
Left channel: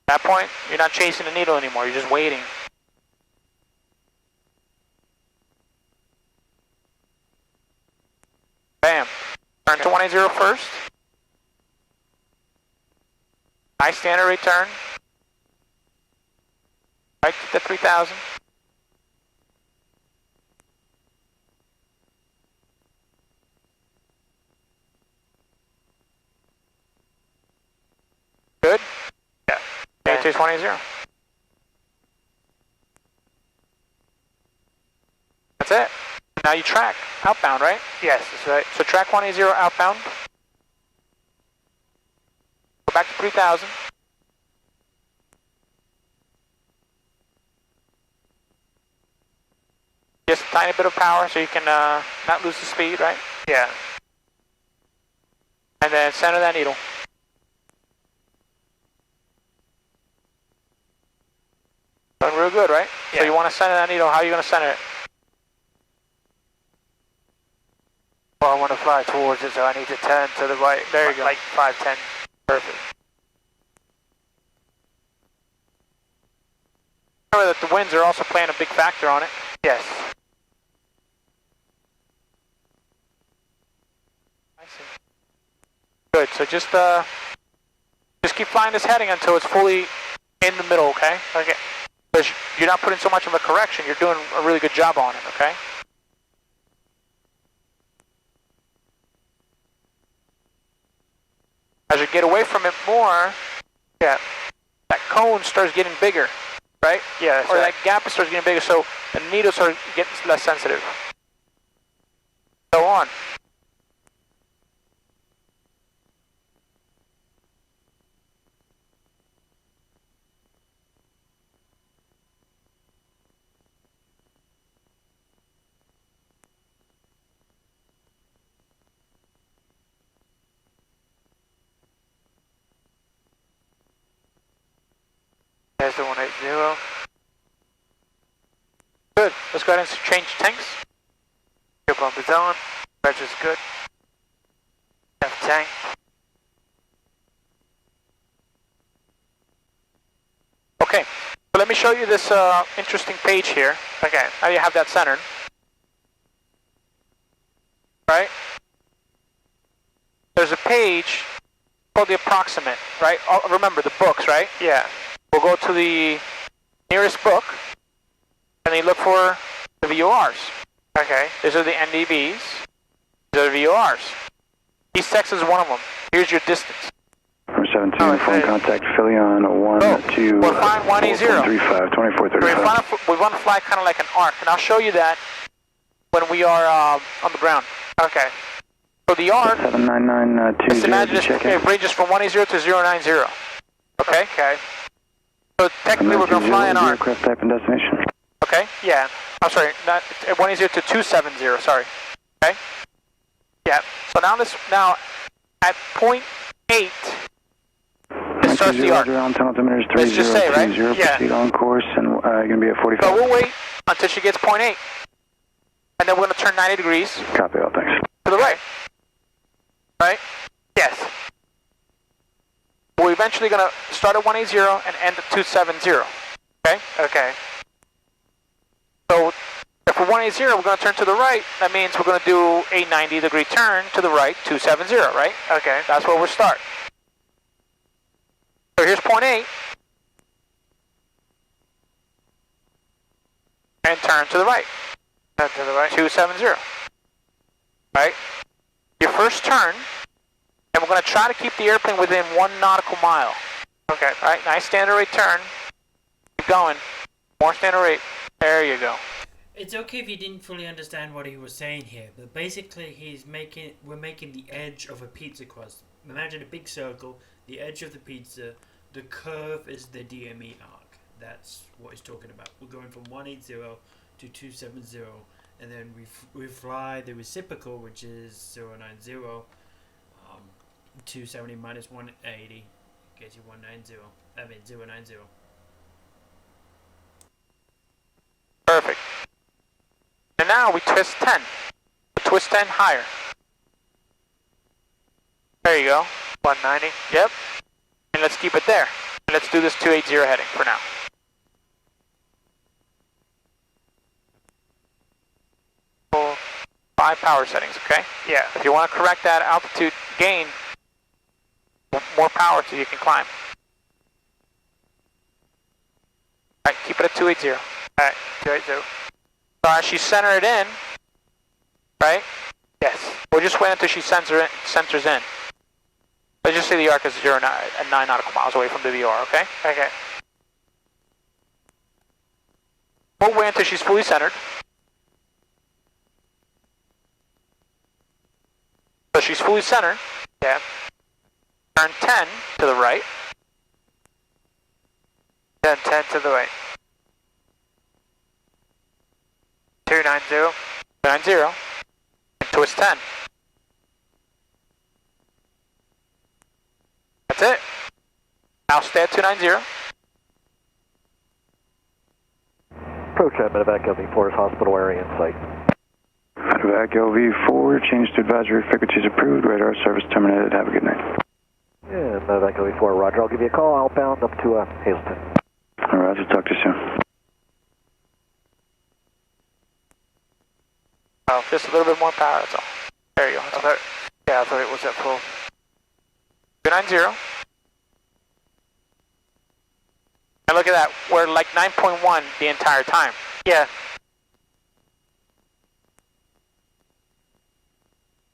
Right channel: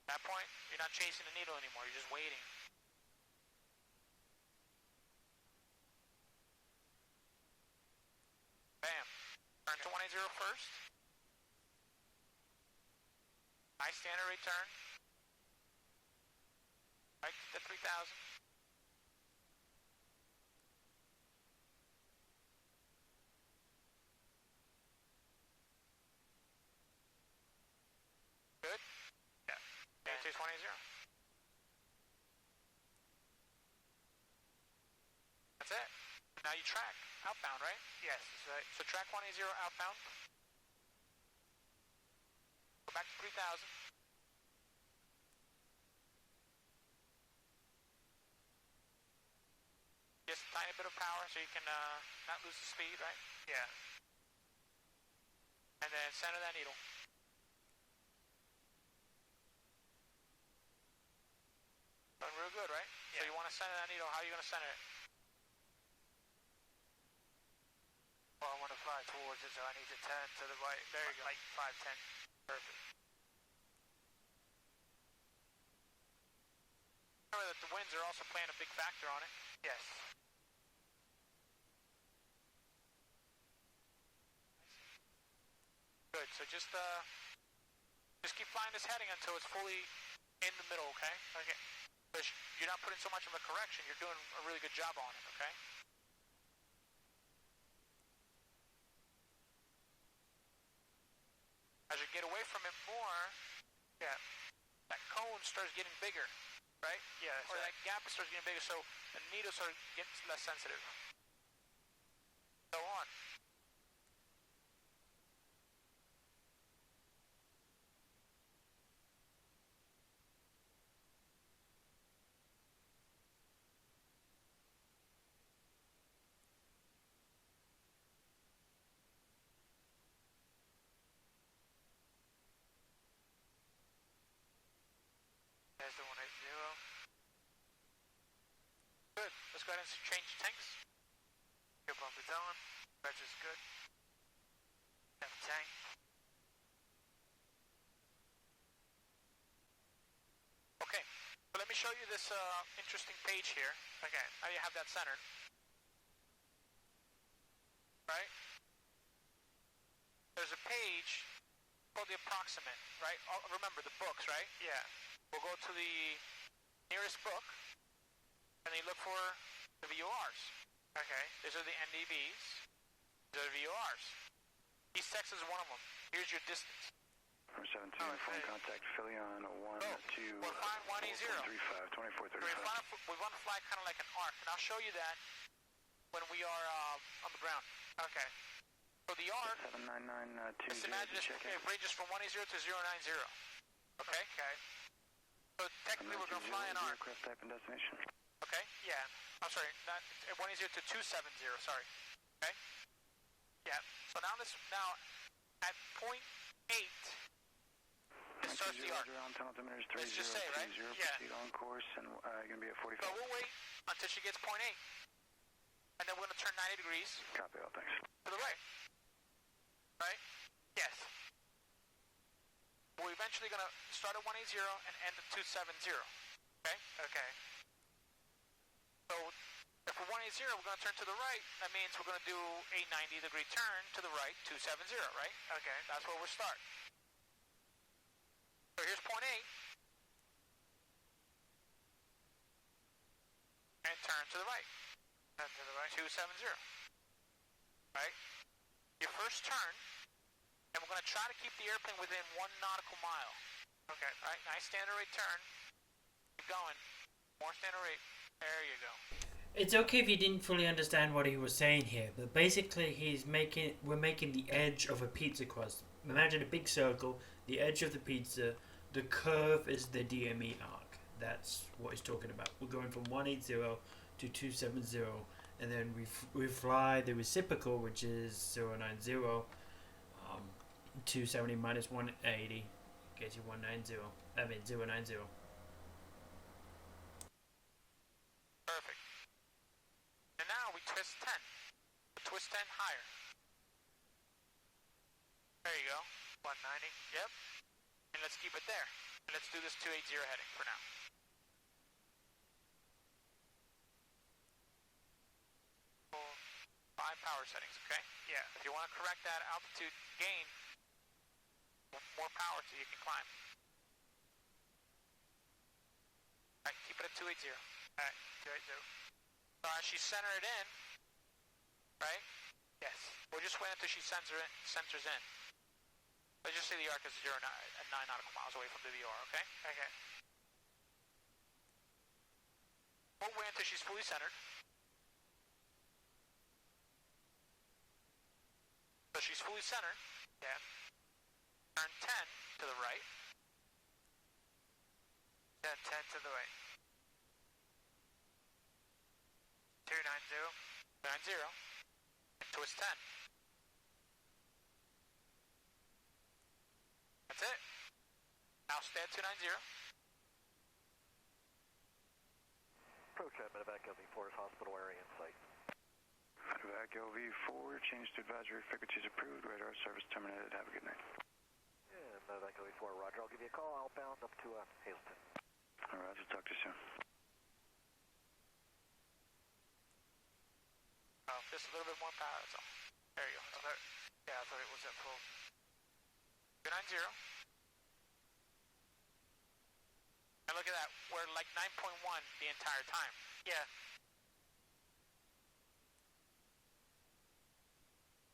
At that point, you're not chasing the needle anymore. You're just waiting. Bam. Turn to 180 first. Nice standard rate turn. Right to the 3000. Good? Yeah. ETX 180. That's it. Now you track outbound, right? Yes, that's right. So track 180 outbound. Go back to 3000. Just a tiny bit of power so you can not lose the speed, right? Yeah. And then center that needle. Done real good, right? Yeah. So you want to center that needle. How are you going to center it? Well, I want to fly towards it, so I need to turn to the right. There you go. Like 510. Perfect. Remember that the winds are also playing a big factor on it. Yes. I see. Good. So just keep flying this heading until it's fully in the middle, okay? Okay. Because you're not putting so much of a correction. You're doing a really good job on it, okay? As you get away from it more, Yeah. that cone starts getting bigger, right? Yeah, that's Or right. that gap starts getting bigger, so the needle starts getting less sensitive. So on. There's the 180. Good. Let's go ahead and change tanks. Fuel pump is on. Pressure's good. F tank. Okay. So let me show you this interesting page here. Okay. Now you have that centered. Right? There's a page called the approximate, right? Oh, remember the books, right? Yeah. We'll go to the nearest book, and then look for the VORs. Okay. These are the NDBs. These are the VORs. East Texas is one of them. Here's your distance. 472, phone contact Philly on 12. We're flying 180. 35, 2435. We want to fly kind of like an arc, and I'll show you that when we are on the ground. Okay. So the arc, 79920, just imagine it ranges from 180 to 090. Okay? Okay. So technically we're going to fly an arc. Aircraft type and destination. Okay? Yeah. I'm sorry, not 180 to 270, sorry. Okay? Yeah. So now at point 8, it starts the arc. Let's just say, right? Yeah. Proceed on course, and you're going to be at 45. So we'll wait until she gets point 8. And then we're going to turn 90 degrees. Copy all, thanks. To the right. Right? Yes. We're eventually going to start at 180 and end at 270. Okay? Okay. So if we're 180, we're going to turn to the right. That means we're going to do a 90-degree turn to the right, 270, right? Okay. That's where we'll start. So here's point 8. And turn to the right. Turn to the right. 270. Right? Your first turn, and we're going to try to keep the airplane within 1 nautical mile. Okay. Right? Nice standard rate turn. Keep going. More standard rate. There you go. It's okay if you didn't fully understand what he was saying here, but basically we're making the edge of a pizza crust. Imagine a big circle, the edge of the pizza, the curve is the DME arc. That's what he's talking about. We're going from 180 to 270, and then we fly the reciprocal, which is 090, 270 minus 180 gets you 090. Perfect. And now we twist 10. Twist 10 higher. There you go. 190. Yep. And let's keep it there. And let's do this 280 heading for now. Full 5 power settings, okay? Yeah. If you want to correct that altitude gain, more power so you can climb. Alright, keep it at 280. Alright, 280. So as she centers it in, right? Yes. We'll just wait until she centers in. Let's just say the arc is 9 nautical miles away from the VOR, okay? Okay. We'll wait until she's fully centered. So she's fully centered. Yeah. Turn 10 to the right. Then 10 to the right. 290. 290. And twist 10. That's it. Now stay at 290. Approach at Medevac LV4's hospital area in sight. Medevac LV4, change to advisory frequencies approved. Radar service terminated. Have a good night. Yeah, Medevac LV4, roger. I'll give you a call outbound up to Hazelton. All right, I'll talk to you soon. Oh, just a little bit more power, that's all. There you go. Yeah, I thought it was at full. 290. And look at that, we're like 9.1 the entire time. Yeah.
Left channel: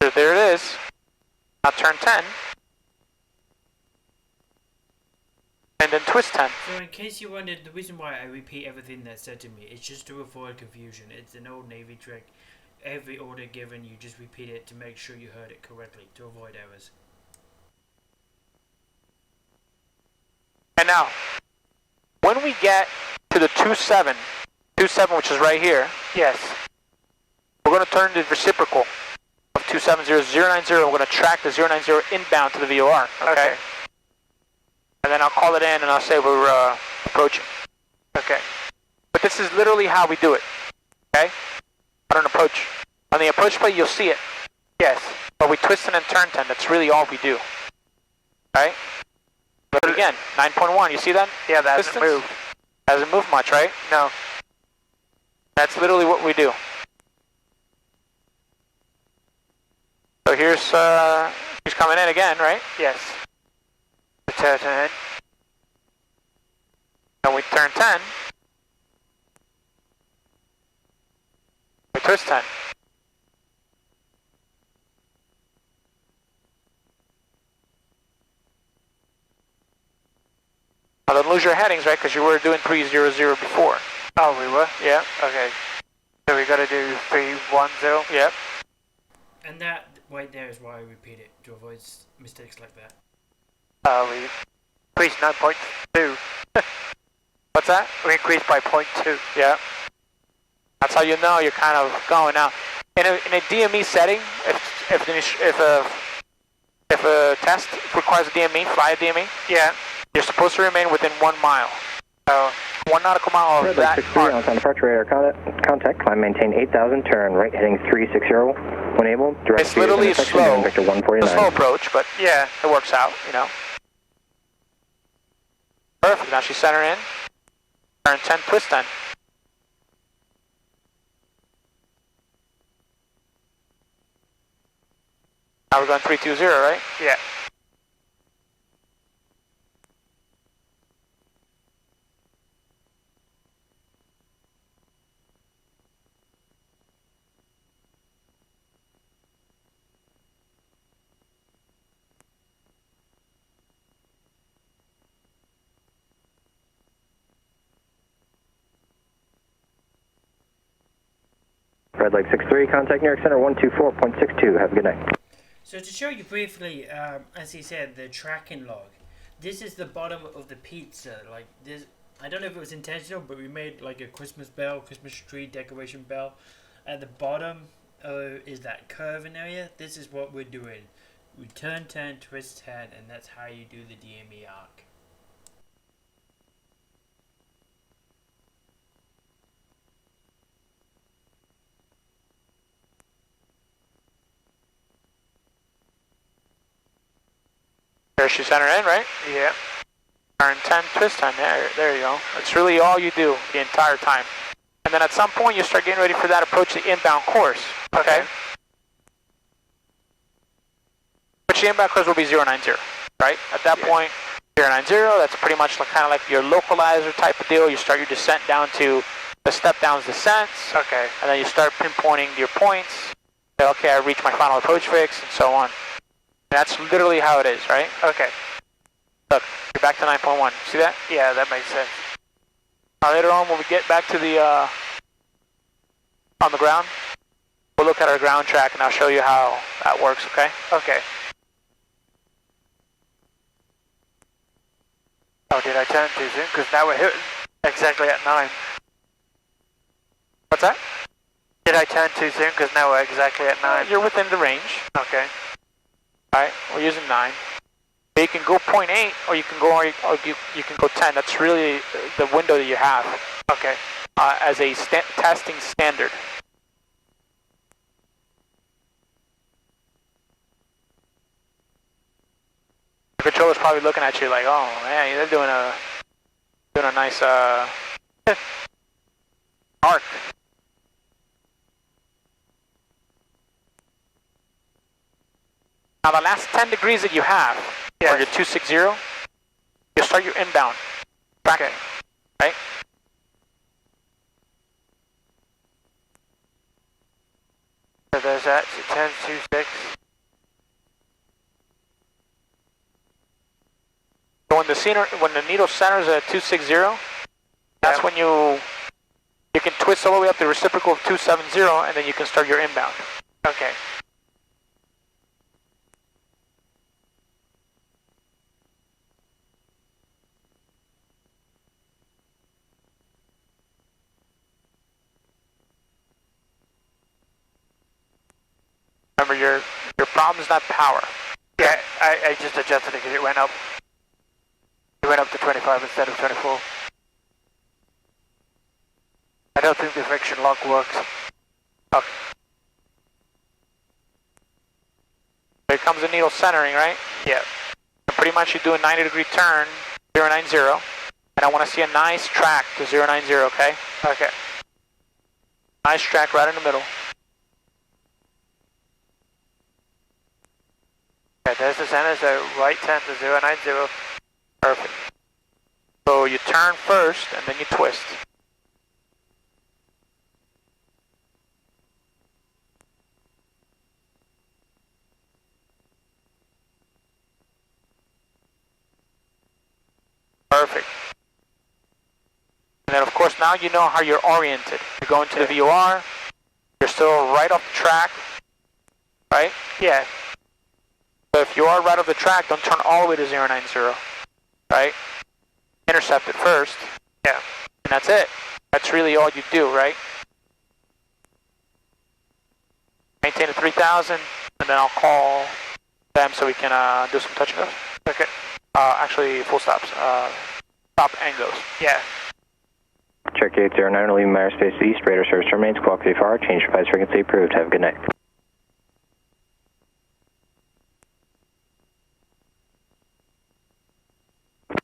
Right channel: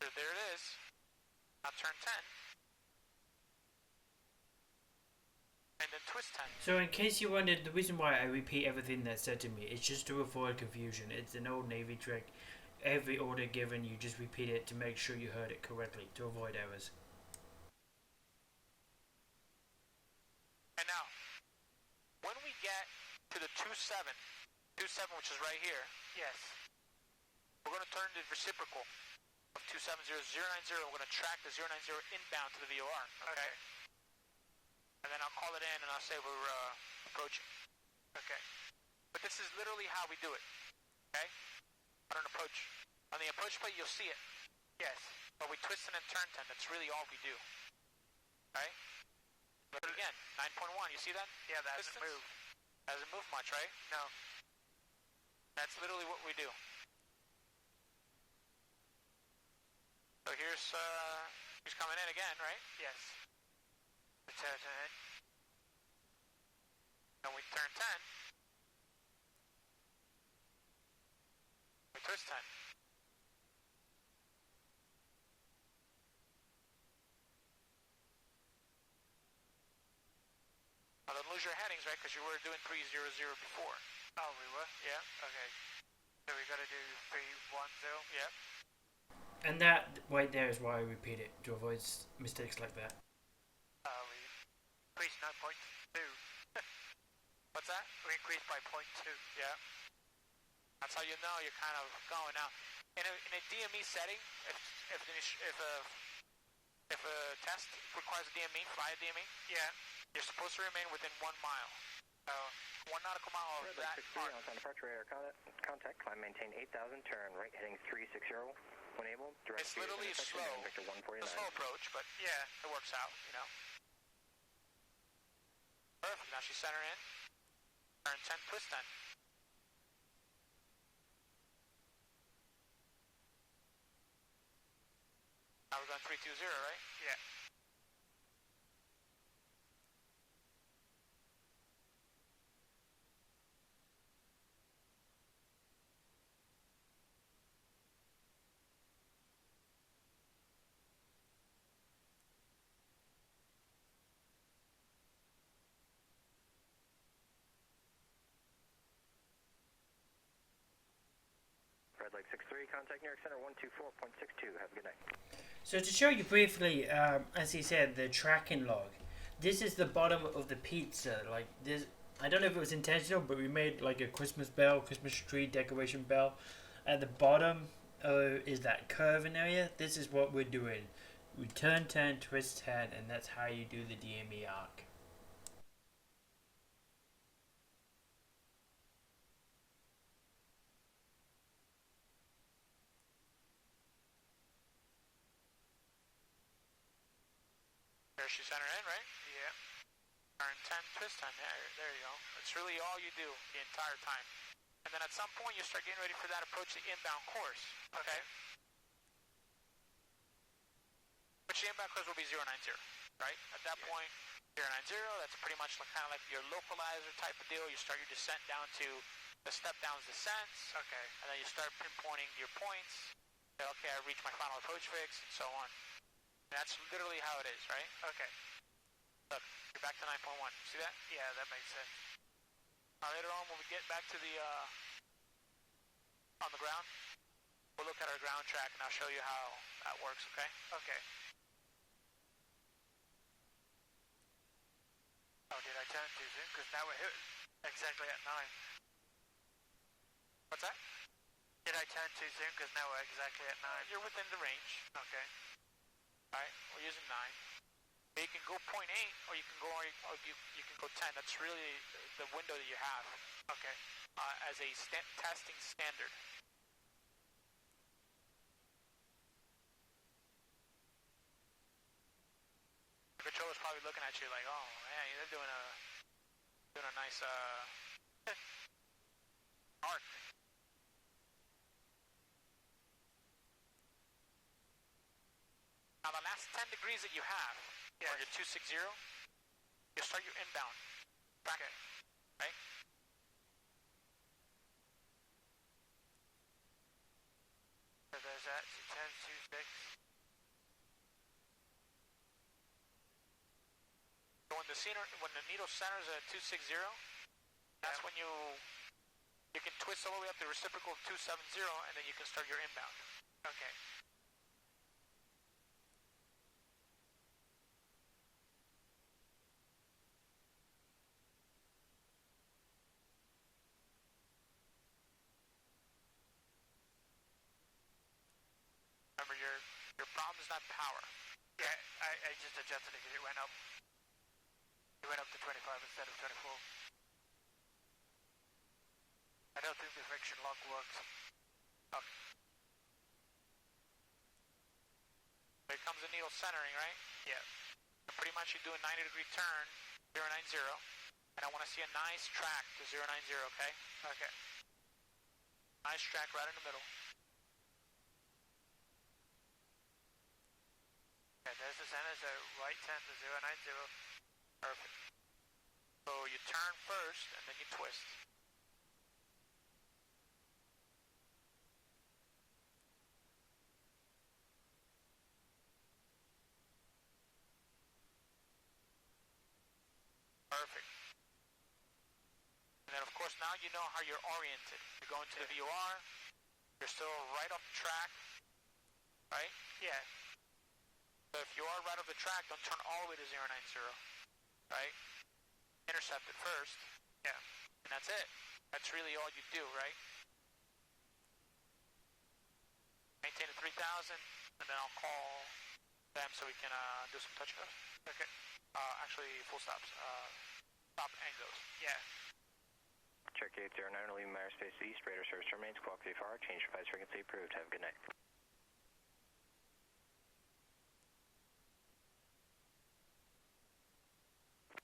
So there it is. Now turn 10. And then twist 10. So in case you wondered, the reason why I repeat everything that's said to me is just to avoid confusion. It's an old Navy trick. Every order given, you just repeat it to make sure you heard it correctly, to avoid errors. And now, when we get to the 27, which is right here, yes, we're going to turn the reciprocal of 270, 090. We're going to track the 090 inbound to the VOR, okay? And then I'll call it in and I'll say we're approaching. Okay. But this is literally how we do it, okay? On an approach. On the approach plate, you'll see it. Yes. But we twist and then turn 10. That's really all we do. Right? But again, 9.1. You see that? Yeah, that hasn't moved. Hasn't moved much, right? No. That's literally what we do. So here's, she's coming in again, right? Yes. Turn 10. And we turn 10. We twist 10. Now don't lose your headings, right? Because you were doing 300 before. Oh, we were? Yeah. Okay. So we got to do 310? Yep. And that right there is why I repeat it, to avoid mistakes like that. We increased 9.2. What's that? We increased by 0.2. Yeah. That's how you know you're kind of going out. In a DME setting, if a test requires a DME, fly a DME, Yeah. you're supposed to remain within 1 mile. So 1 nautical mile of Red that Lake 63 arc. on departure radar contact. Climb maintain 8,000. Turn right heading 360. When able, direct It's literally slow. Vector It's a 149. slow approach, but Yeah. it works out, you know. Perfect. Now she's center in. Turn 10, twist 10. Now we're going 320, right? Yeah. Red Lake 63, contact New York Center 124.62. Have a good night. So to show you briefly, as he said, the tracking log. This is the bottom of the pizza. Like this, I don't know if it was intentional, but we made like a Christmas bell, Christmas tree decoration bell. At the bottom is that curving area. This is what we're doing. We turn 10, twist 10, and that's how you do the DME arc. There she center in, right? Yeah. Turn 10, twist 10. There you go. That's really all you do the entire time. And then at some point you start getting ready for that approach the inbound course. Okay? Which the inbound course will be 090, right? At that point, 090, that's pretty much kind of like your localizer type of deal. You start your descent down to the step downs descents. Okay. And then you start pinpointing your points. Say, okay, I reached my final approach fix, and so on. And that's literally how it is, right? Okay. Look, you're back to 9.1. See that? Yeah, that makes sense. Now later on, when we get back to the on the ground, we'll look at our ground track, and I'll show you how that works. Okay? Okay. Oh, did I turn too soon? Because now we're hitting exactly at 9. What's that? Did I turn too soon? Because now we're exactly at 9. You're within the range. Okay. All right, we're using 9. You can go 0.8, or you can go you can go 10. That's really the window that you have. Okay. As a testing standard. The controller's probably looking at you like, oh man, they're doing a nice arc. Now the last 10 degrees that you have, or your 260, you start your inbound tracking, right? So there's that, so 10, 2, 6. So when the needle centers at 260, that's when you can twist all the way up the reciprocal of 270, and then you can start your inbound. Okay. Remember, your problem is not power. Yeah, I just adjusted it because it went up. It went up to 25 instead of 24. I don't think the friction lock works. Okay. Here comes the needle centering, right? Yeah. And pretty much you're doing 90-degree turn, 090, and I want to see a nice track to 090, okay? Okay. Nice track right in the middle. Okay, there's the center, so right 10 to 090. Perfect. So you turn first, and then you twist. Perfect. now you know how you're oriented. You're going to the VOR, you're still right off the track, right? Yeah. So if you are right off the track, don't turn all the way to 090, right? Intercept it first. Yeah. And that's it. That's really all you do, right? Maintain a 3000, and then I'll call them so we can do some touch and goes. Okay. Actually, full stops. Stop and goes. Yeah. Cherokee 809, leaving Myers Space East, radar service remains, clock VFR, change device frequency approved. Have a good night. Is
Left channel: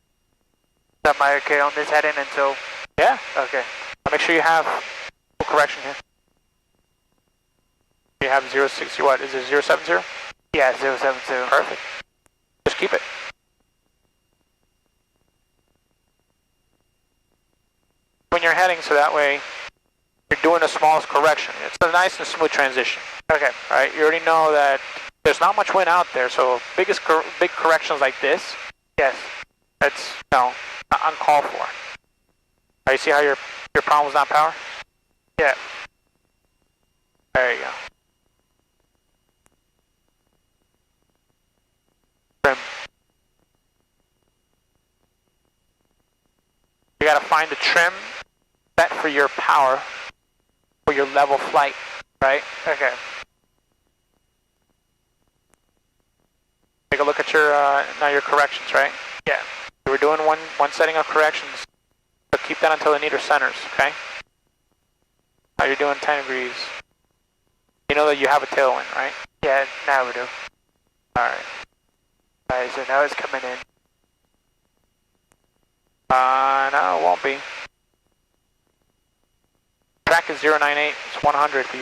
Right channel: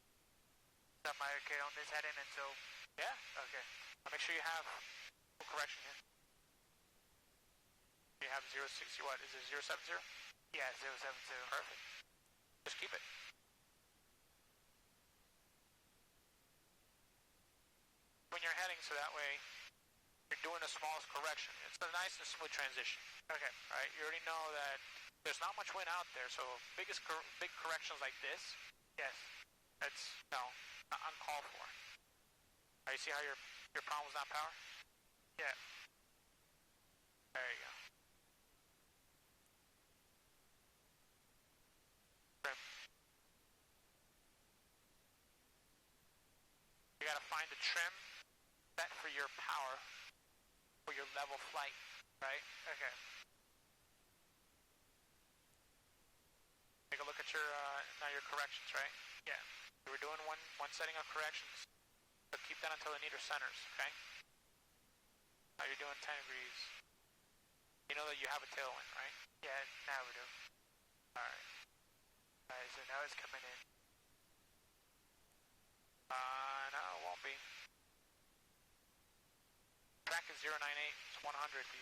that my okay on this heading until? Yeah. Okay. Make sure you have full correction here. You have 060, what, is it 070? Yeah, 070. Perfect. Just keep it. When you're heading, so that way you're doing the smallest correction. It's a nice and smooth transition. Okay. Right? You already know that there's not much wind out there, so big corrections like this, Yes. that's, not uncalled for. Right, you see how your problem was not power? Yeah. There you go. Trim. You gotta find the trim set for your power, for your level flight, right? Okay. Take a look at your now your corrections, right? Yeah. We were doing one setting of corrections, so keep that until the needle centers, okay? Now you're doing 10 degrees. You know that you have a tailwind, right? Yeah, now we do. Alright. Alright, so now it's coming in. No, it won't be. Track is 098, it's 100, but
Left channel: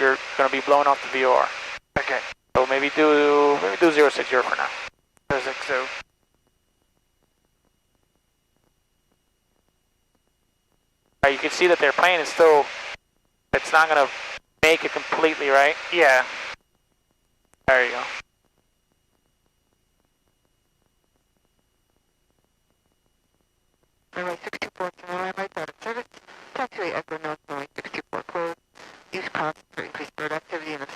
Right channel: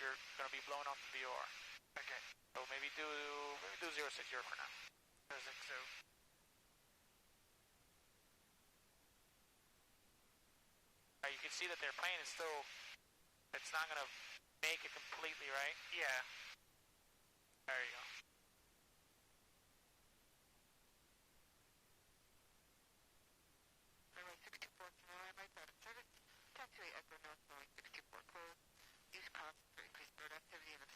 you're gonna be blowing off the VOR. Okay. So maybe do 060 for now. 060. Right, you can see that their plane is still, it's not gonna make it completely, right? Yeah. There you go. Runway 624 Sonora, right out of service. Taxiway Echo North, runway 624 closed. Use caution for increased bird activity in the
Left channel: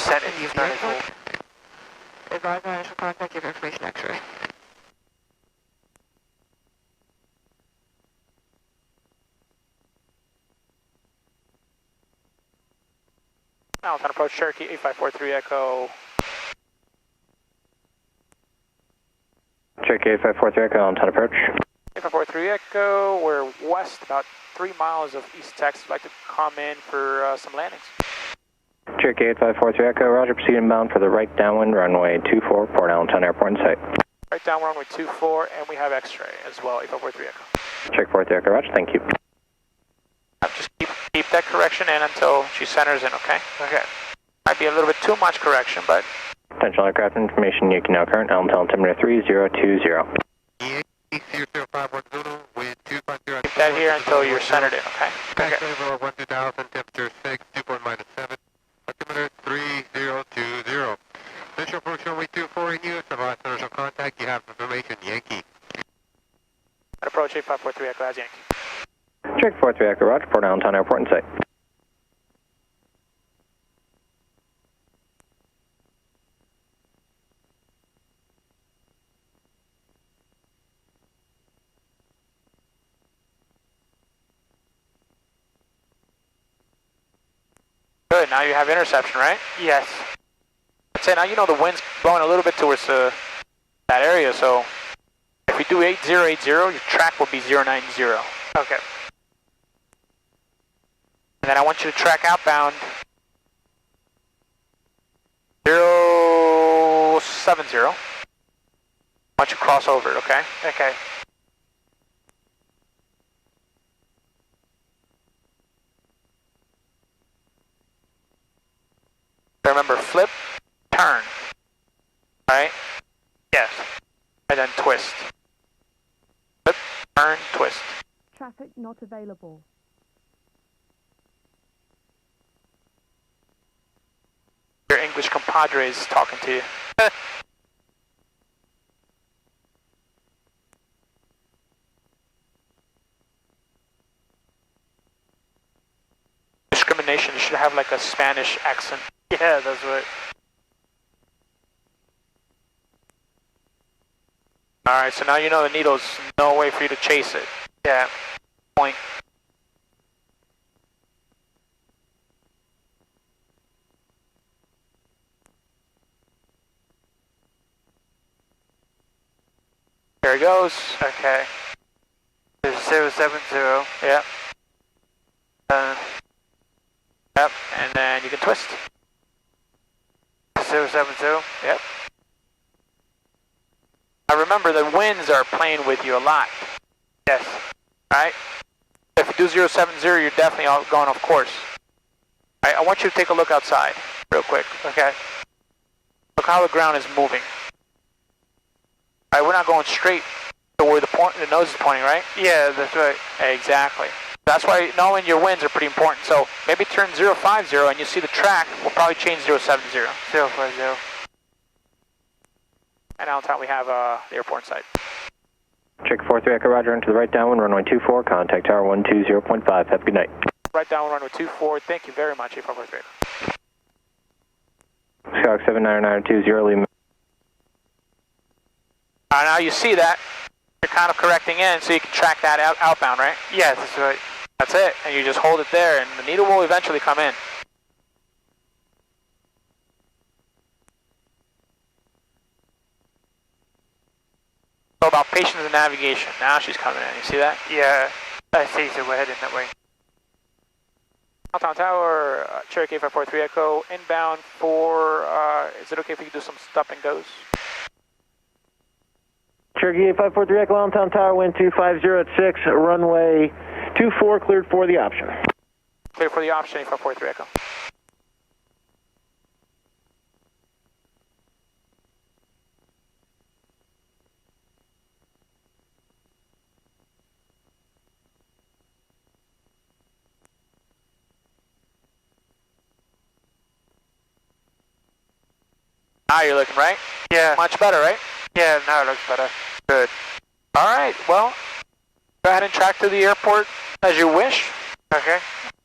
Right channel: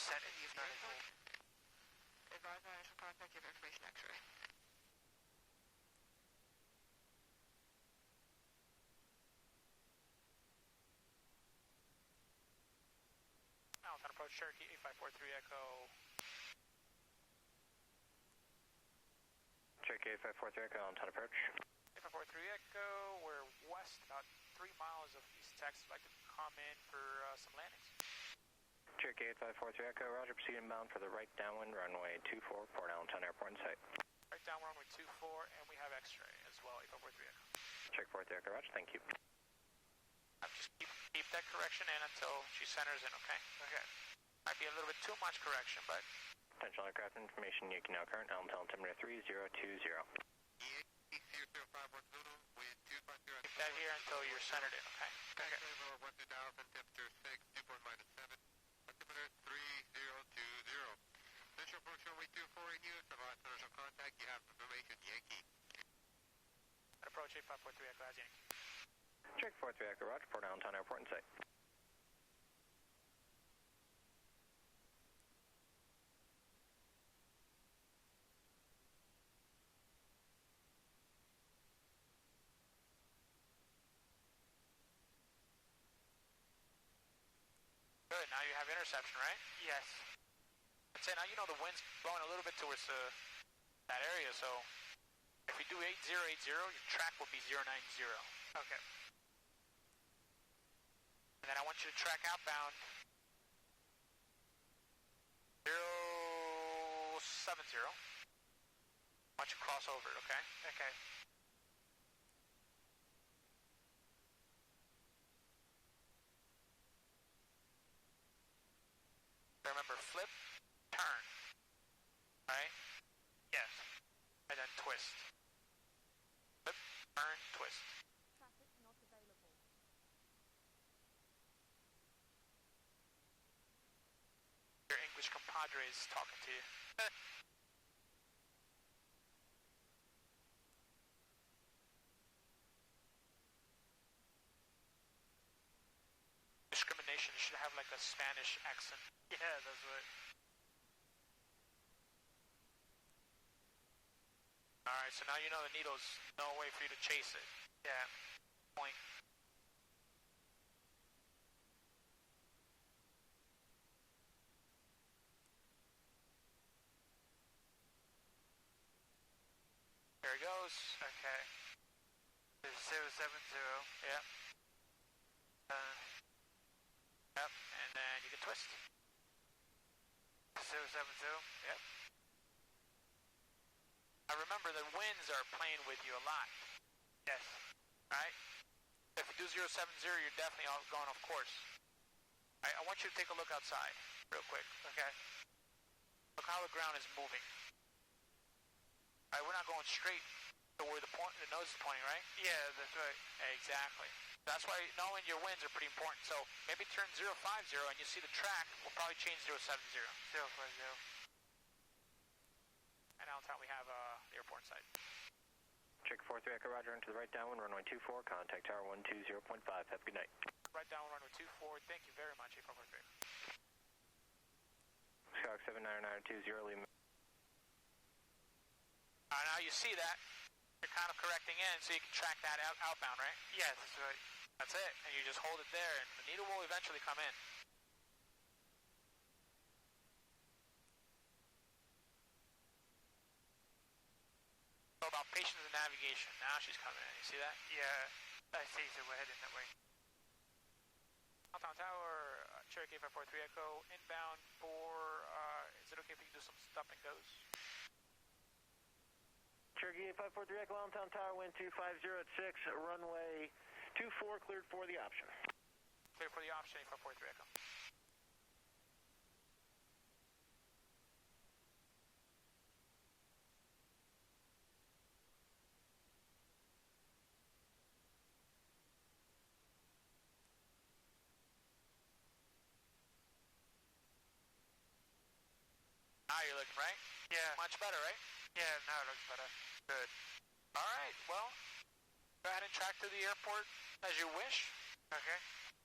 Set vicinity it of the airport. Advise on initial contact, give information X-ray. Now it's on approach Cherokee 8543 Echo. Cherokee 8543 Echo, on approach. 8543 Echo, we're west about 3 miles of East Texas. I'd like to come in for some landings. Cherokee 8543 Echo, roger, proceed inbound for the right downwind runway 24, Port Allentown Airport in sight. Right down runway 24, and we have X-ray as well, 8543 Echo. Check 43 Echo, roger, thank you. Just keep that correction in until she centers in, okay? Okay. Might be a little bit too much correction, but... Potential aircraft information, Yankee now current, Allentown altimeter 3020. Keep that here until you're centered in, okay? Okay. 12000, temperature 6, 2.-7, altimeter 3020. Visual approach runway 24 in use, advise initial contact, you have information, Yankee. At approach 8543 Echo, as Yankee. Check 43 Echo, roger, Port Allentown Airport in sight. Good, now you have interception, right? Yes. I'd say now you know the wind's blowing a little bit towards that area, so if we do 8080, your track will be 090. Okay. And then I want you to track outbound 070. I want you to cross over it, okay? Okay. Remember, flip, turn, right? Yes. And then twist. Flip, turn, twist. Traffic not available. Your English compadres talking to you. like a Spanish accent. Yeah, that's right. Alright, so now you know the needle's no way for you to chase it. Yeah. Point. There it goes. Okay. There's 070. Yep. Yep, and then you can twist. 070. Yep. I remember the winds are playing with you a lot. Yes. Right? If you do 070, you're definitely going off course. Right? I want you to take a look outside real quick. Okay. Look how the ground is moving. Right, we're not going straight to where the nose is pointing, right? Yeah, that's right. Exactly. That's why knowing your winds are pretty important. So maybe turn 050 and you see the track will probably change 070. 050. And now on top we have the airport side. Check 43 Echo Roger into the right downwind, runway 24, contact tower 120.5. Have a good night. Right down runway 24. Thank you very much, IFR Lesson. Skyhawk 79920, Layman. Now you see that. You're kind of correcting in so you can track that outbound, right? Yes, that's right. That's it. And you just hold it there and the needle will eventually come in. So about patience and navigation. Now she's coming in. You see that? Yeah, I see, so we're heading that way. Downtown Tower, Cherokee 543 Echo, inbound for, is it okay if we can do some stop and goes? Cherokee 543 Echo, Downtown Tower, wind 250 at 6, runway 24, cleared for the option. Clear for the option, 543 Echo. Now you're looking right? Yeah. Much better, right? Yeah, now it looks better. Good. All right, well, go ahead and track to the airport as you wish. Okay.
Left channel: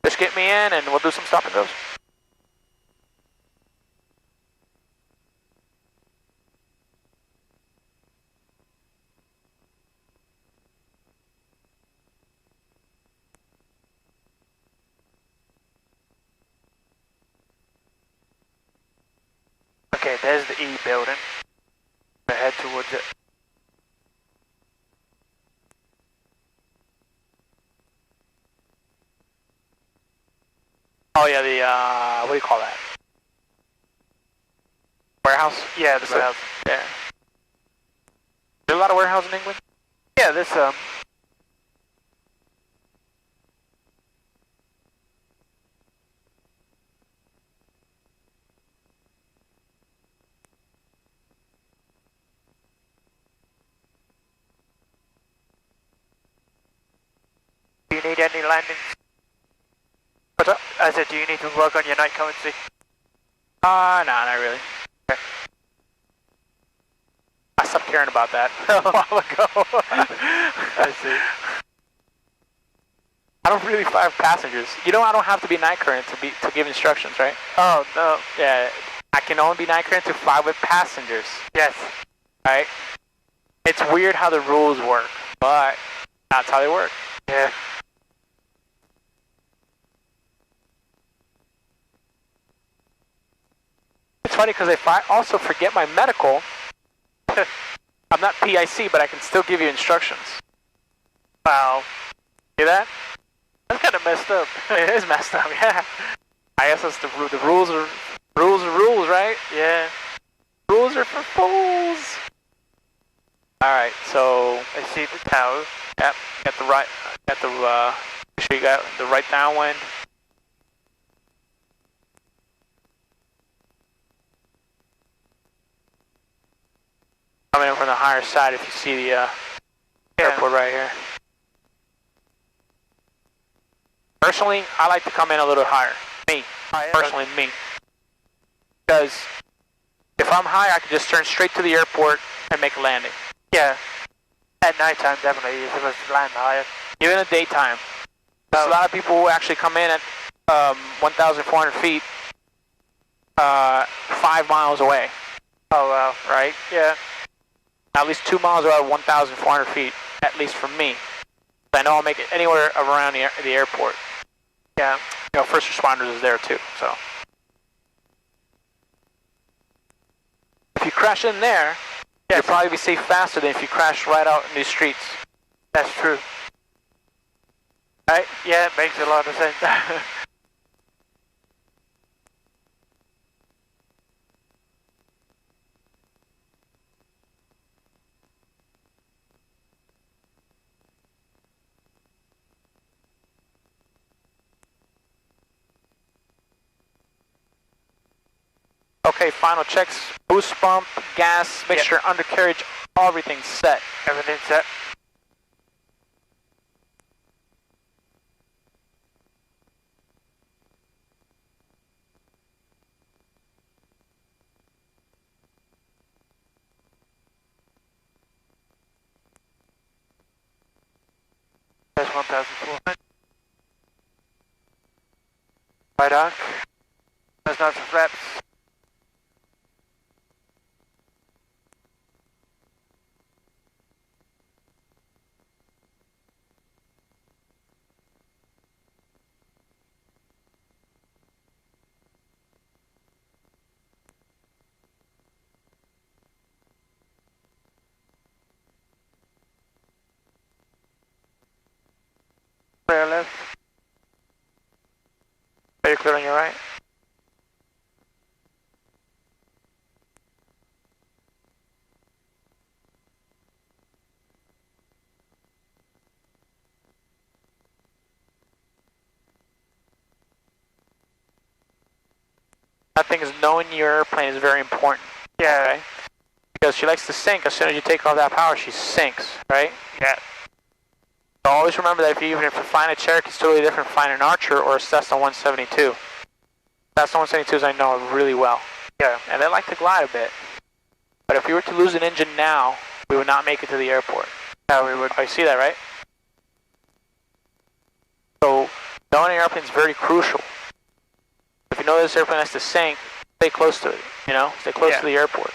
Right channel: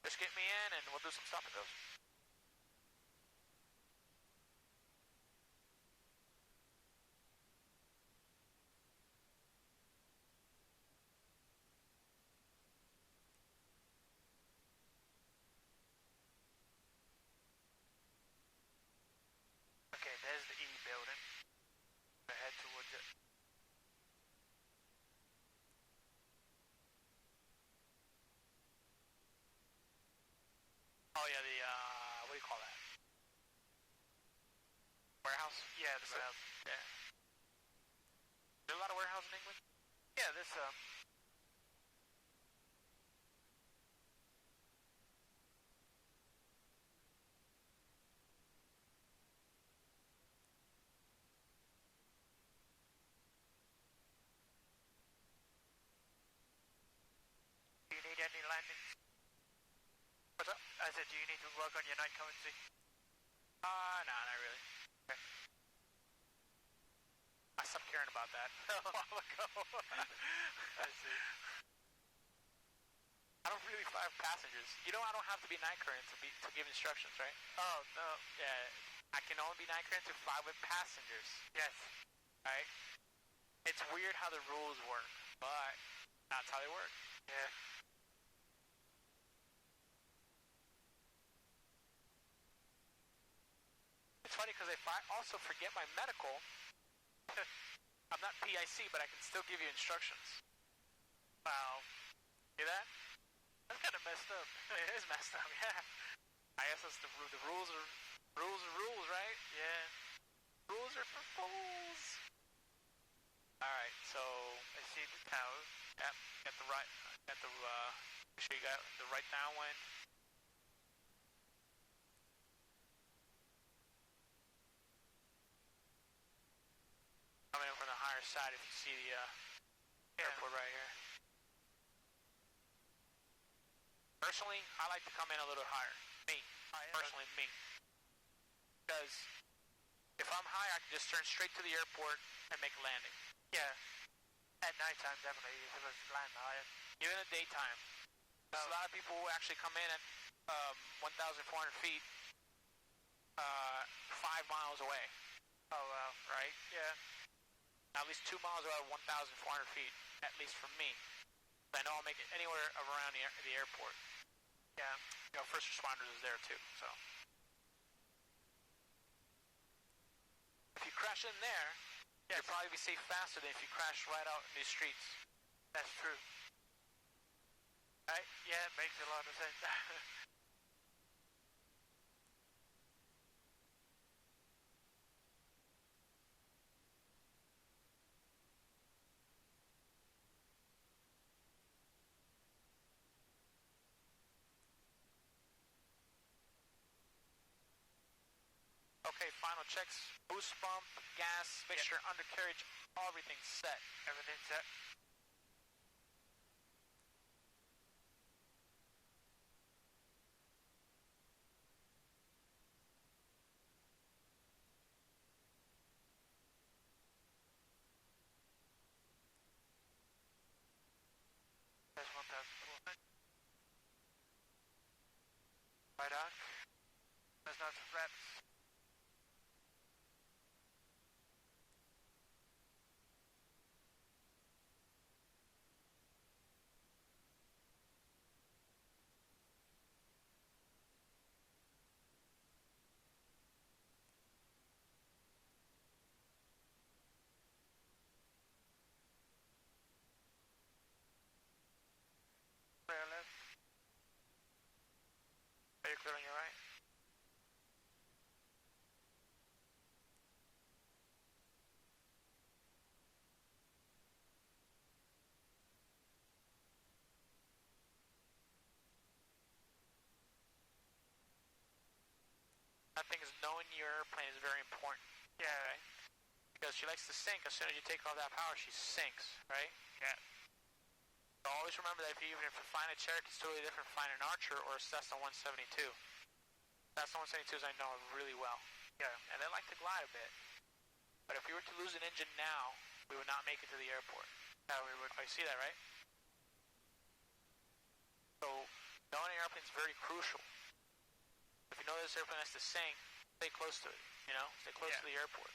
Just get me in and we'll do some stop and goes. Okay, there's the E building. We'll head towards it. Oh yeah, the, what do you call that? Warehouse? Yeah, the warehouse. Yeah. There's a lot of warehouses in England? Yeah, there's Do you need any landings? What's up? I said, do you need to work on your night currency? No, not really. Okay. I stopped caring about that a while ago. I see. I don't really fly with passengers. You know I don't have to be night current to give instructions, right? Oh, no. Yeah, I can only be night current to fly with passengers. Yes. Right? It's weird how the rules work, but that's how they work. Yeah. It's funny because if I also forget my medical, I'm not PIC, but I can still give you instructions. Wow. See that? That's kind of messed up. It is messed up, yeah. I guess that's the rules are rules, right? Yeah. Rules are for fools. All right, so I see the tower. yep, got the right, make sure you got the right downwind. Coming in from the higher side if you see the airport right here. Personally, I like to come in a little higher. Me. Personally, me. Because if I'm high, I can just turn straight to the airport and make a landing. Yeah. At nighttime, definitely, you're supposed to land higher. Even in the daytime. There's a lot of people who actually come in 1,400 feet, 5 miles away. Oh, wow. Right? Yeah. At least 2 miles away, 1,400 feet, at least from me. I know I'll make it anywhere around the airport. Yeah. You know, first responders is there too, so. If you crash in there, you'll probably be safe faster than if you crash right out in these streets. That's true. Right? Yeah, it makes a lot of sense. Okay, final checks, boost pump, gas, mixture, undercarriage, everything's set. Everything's set. That's 1,400. Right arc. There's not some flaps. Clear left. Are you clear on your right? I think is knowing your airplane is very important. Yeah. Okay? Because she likes to sink. As soon as you take off that power, she sinks, right? Yeah. So always remember that even if you're flying a Cherokee, it's totally different flying an Archer or a Cessna 172. Cessna 172s I know really well. Yeah. And they like to glide a bit. But if we were to lose an engine now, we would not make it to the airport. Yeah, we would. Oh, you see that, right? So knowing your airplane is very crucial. If you know this airplane has to sink, stay close to it, you know? Stay close to the airport.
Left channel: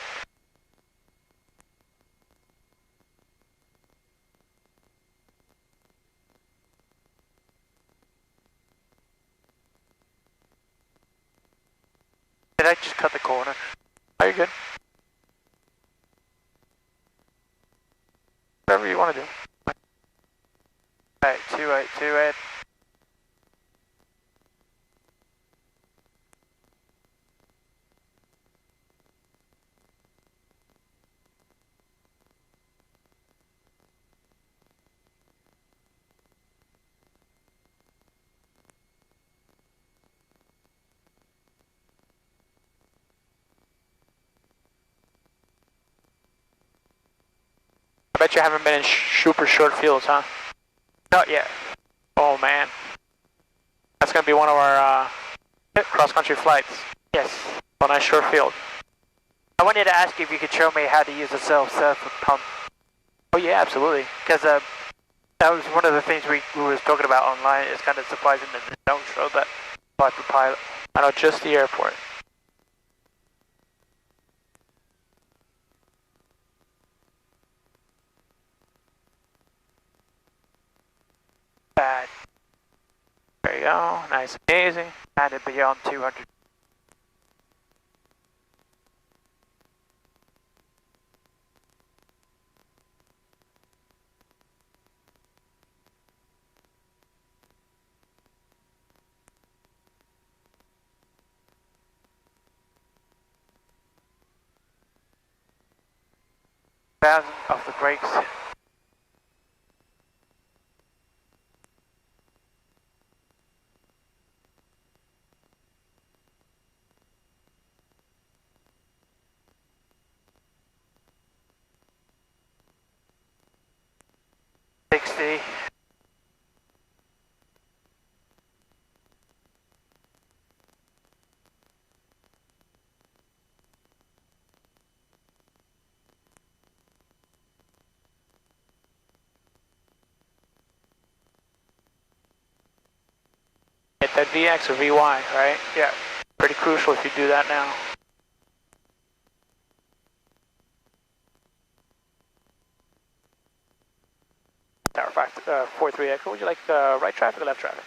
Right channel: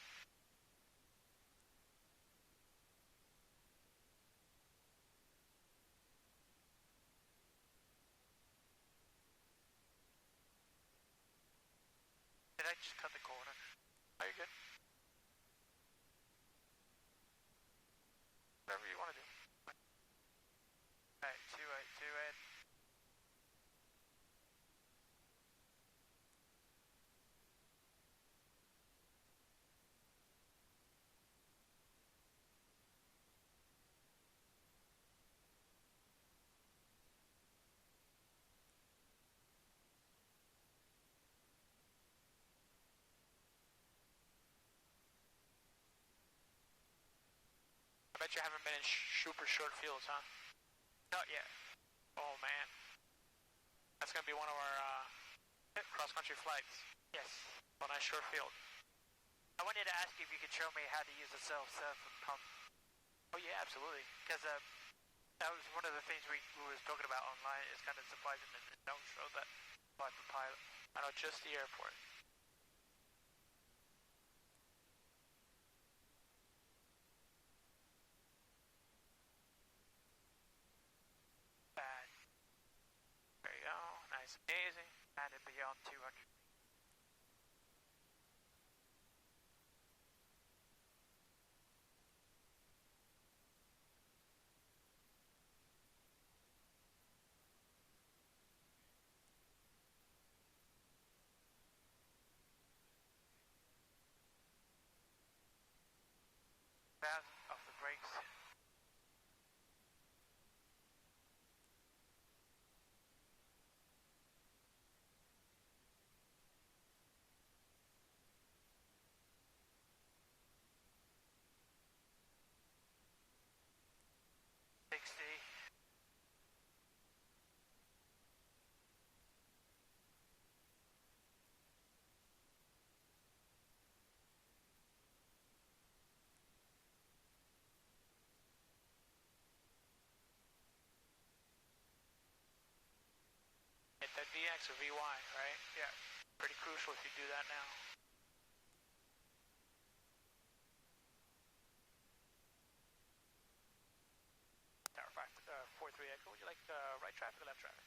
Did I just cut the corner? Oh, you're good. Whatever you want to do. Alright, 2828. I bet you haven't been in super short fields, huh? Not yet. Oh, man. That's going to be one of our cross-country flights. Yes. On a nice short field. I wanted to ask you if you could show me how to use a self-serve pump. Oh, yeah, absolutely. Because that was one of the things we was talking about online. It's kind of surprising that they don't show that by the pilot. I know, just the airport. Bad. There you go. Nice and easy. And it beyond 200. Off the brakes. At VX or VY, right? Yeah. Pretty crucial if you do that now. Tower 43 Echo, would you like right traffic or left traffic?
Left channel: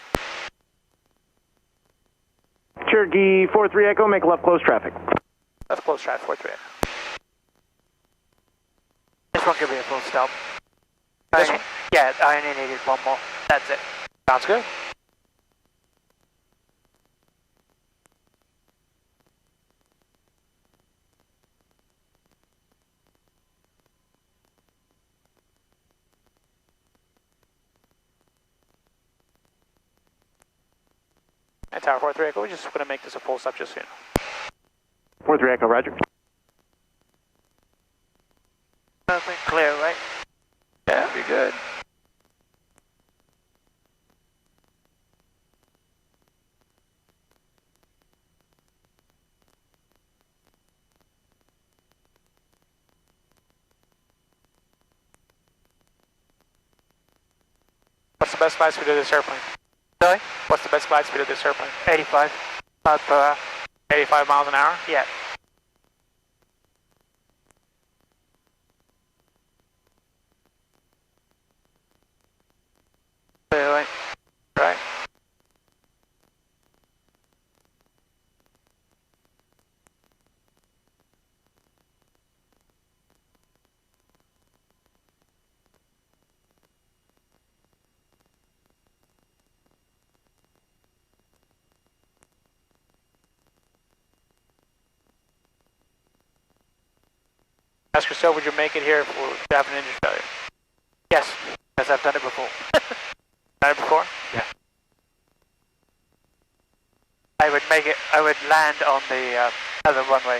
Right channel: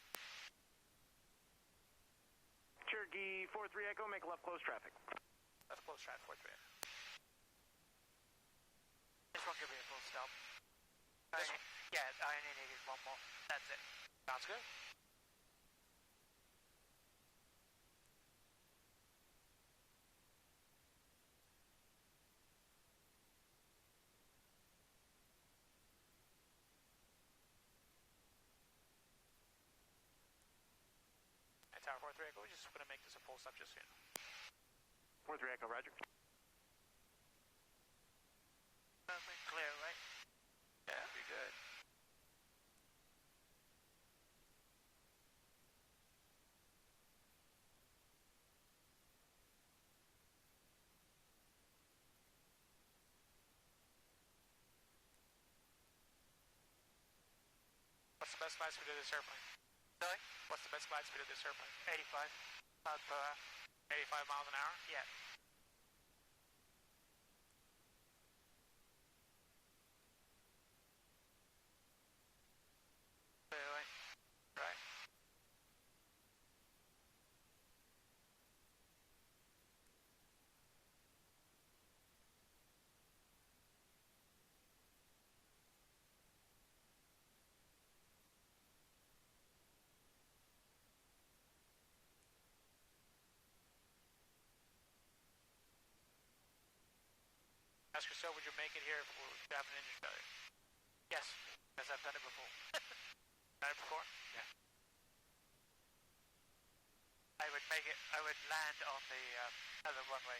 Cherokee 43 Echo, make left close traffic. Left close traffic, 43 Echo. This one could be a full stop. This one? Yeah, I only needed one more. That's it. Sounds good. And Tower 43 Echo, we're just going to make this a full stop just so you know. 43 Echo, roger. Perfect, clear, right? Yeah, you're good. What's the best flight speed of this airplane? Sorry? What's the best flight speed of this airplane? 85 miles per hour. 85 miles an hour? Yeah. Clear, right? Right. Ask yourself, would you make it here if we have an engine failure? Yes, because I've done it before. Done it before? Yeah. I would make it, I would land on the other runway.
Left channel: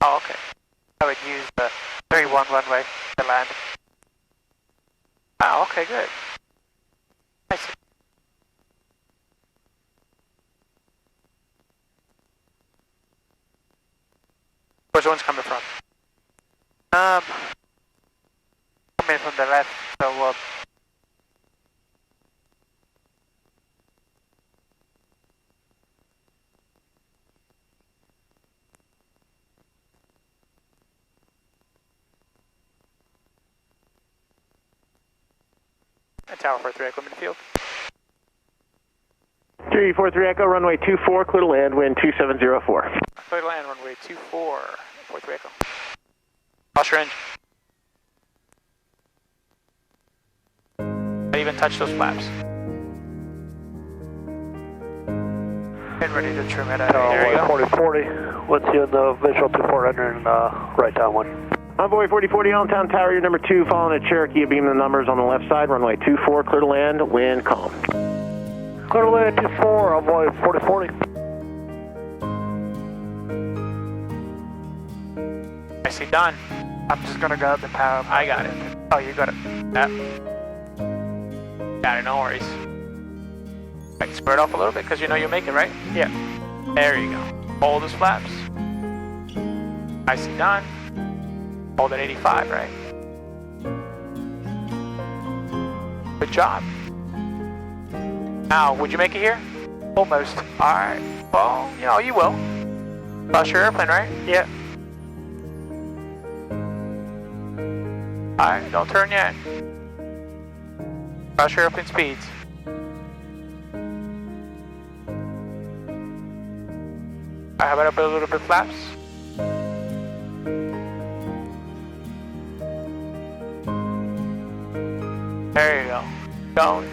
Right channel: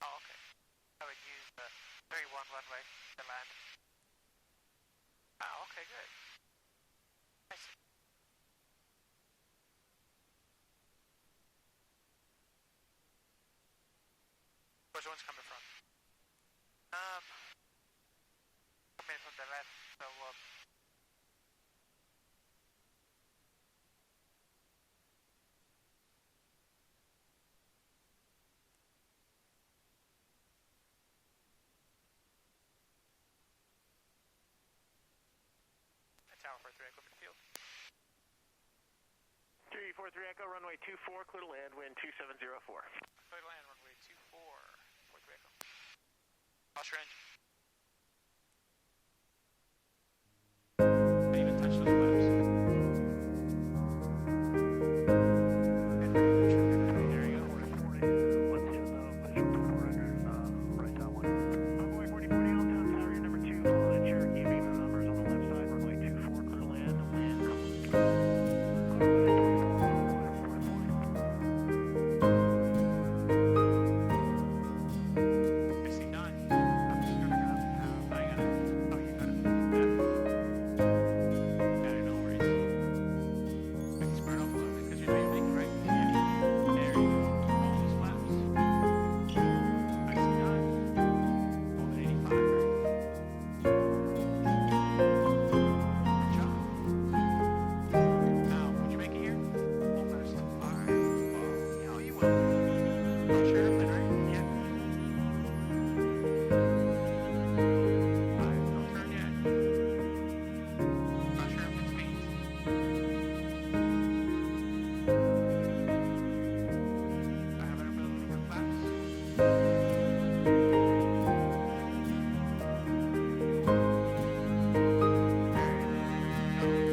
Oh, okay. I would use the 3-1 runway to land. Oh, okay, good. I see. Where's the one's coming from? Coming from the left, so And Tower 43 Echo, midfield. 343 Echo, runway 24, clear to land, wind 2704. Clear to land, runway 24, 43 Echo. Cross your engine. Don't even touch those flaps. get ready to trim it out. There you go. 4040, let's see the visual 2400 and right down one. Envoy 4040, Allentown Tower, you're number 2, following a Cherokee, beam the numbers on the left side, runway 24, clear to land, wind calm. Clear to land 24, Envoy 4040. I see done. I'm just gonna grab the power. I got it. Oh, you got it. Yep. Got it, no worries. I can spread off a little bit because you know you'll make it, right? Yeah. There you go. Hold those flaps. I see done. Hold at 85, right? Good job. Now, would you make it here? Almost. Alright. Well, you know, you will. Cross your airplane, right? Yeah. Alright, don't turn yet. Cross your airplane speeds. Alright, how about up a little bit flaps? There you go. Going.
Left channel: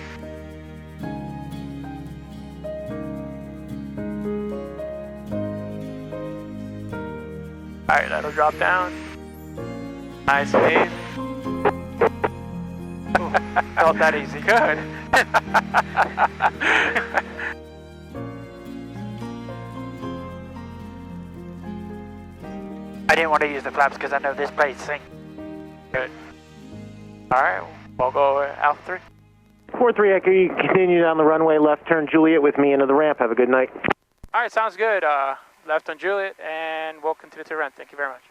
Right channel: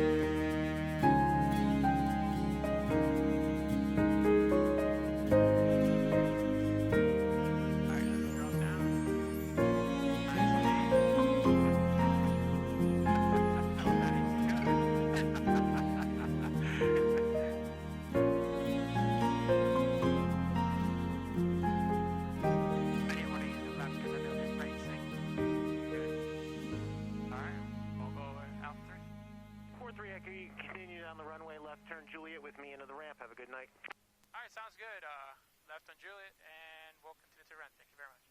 Alright, that'll drop down. Nice and easy. Not that easy. Good. I didn't want to use the flaps because I know this blade sink. Good. Alright, we'll go Alpha 3. 43 Echo, you continue down the runway, left turn Juliet with me into the ramp. Have a good night. Alright, sounds good. Left on Juliet, and we'll continue to run. Thank you very much.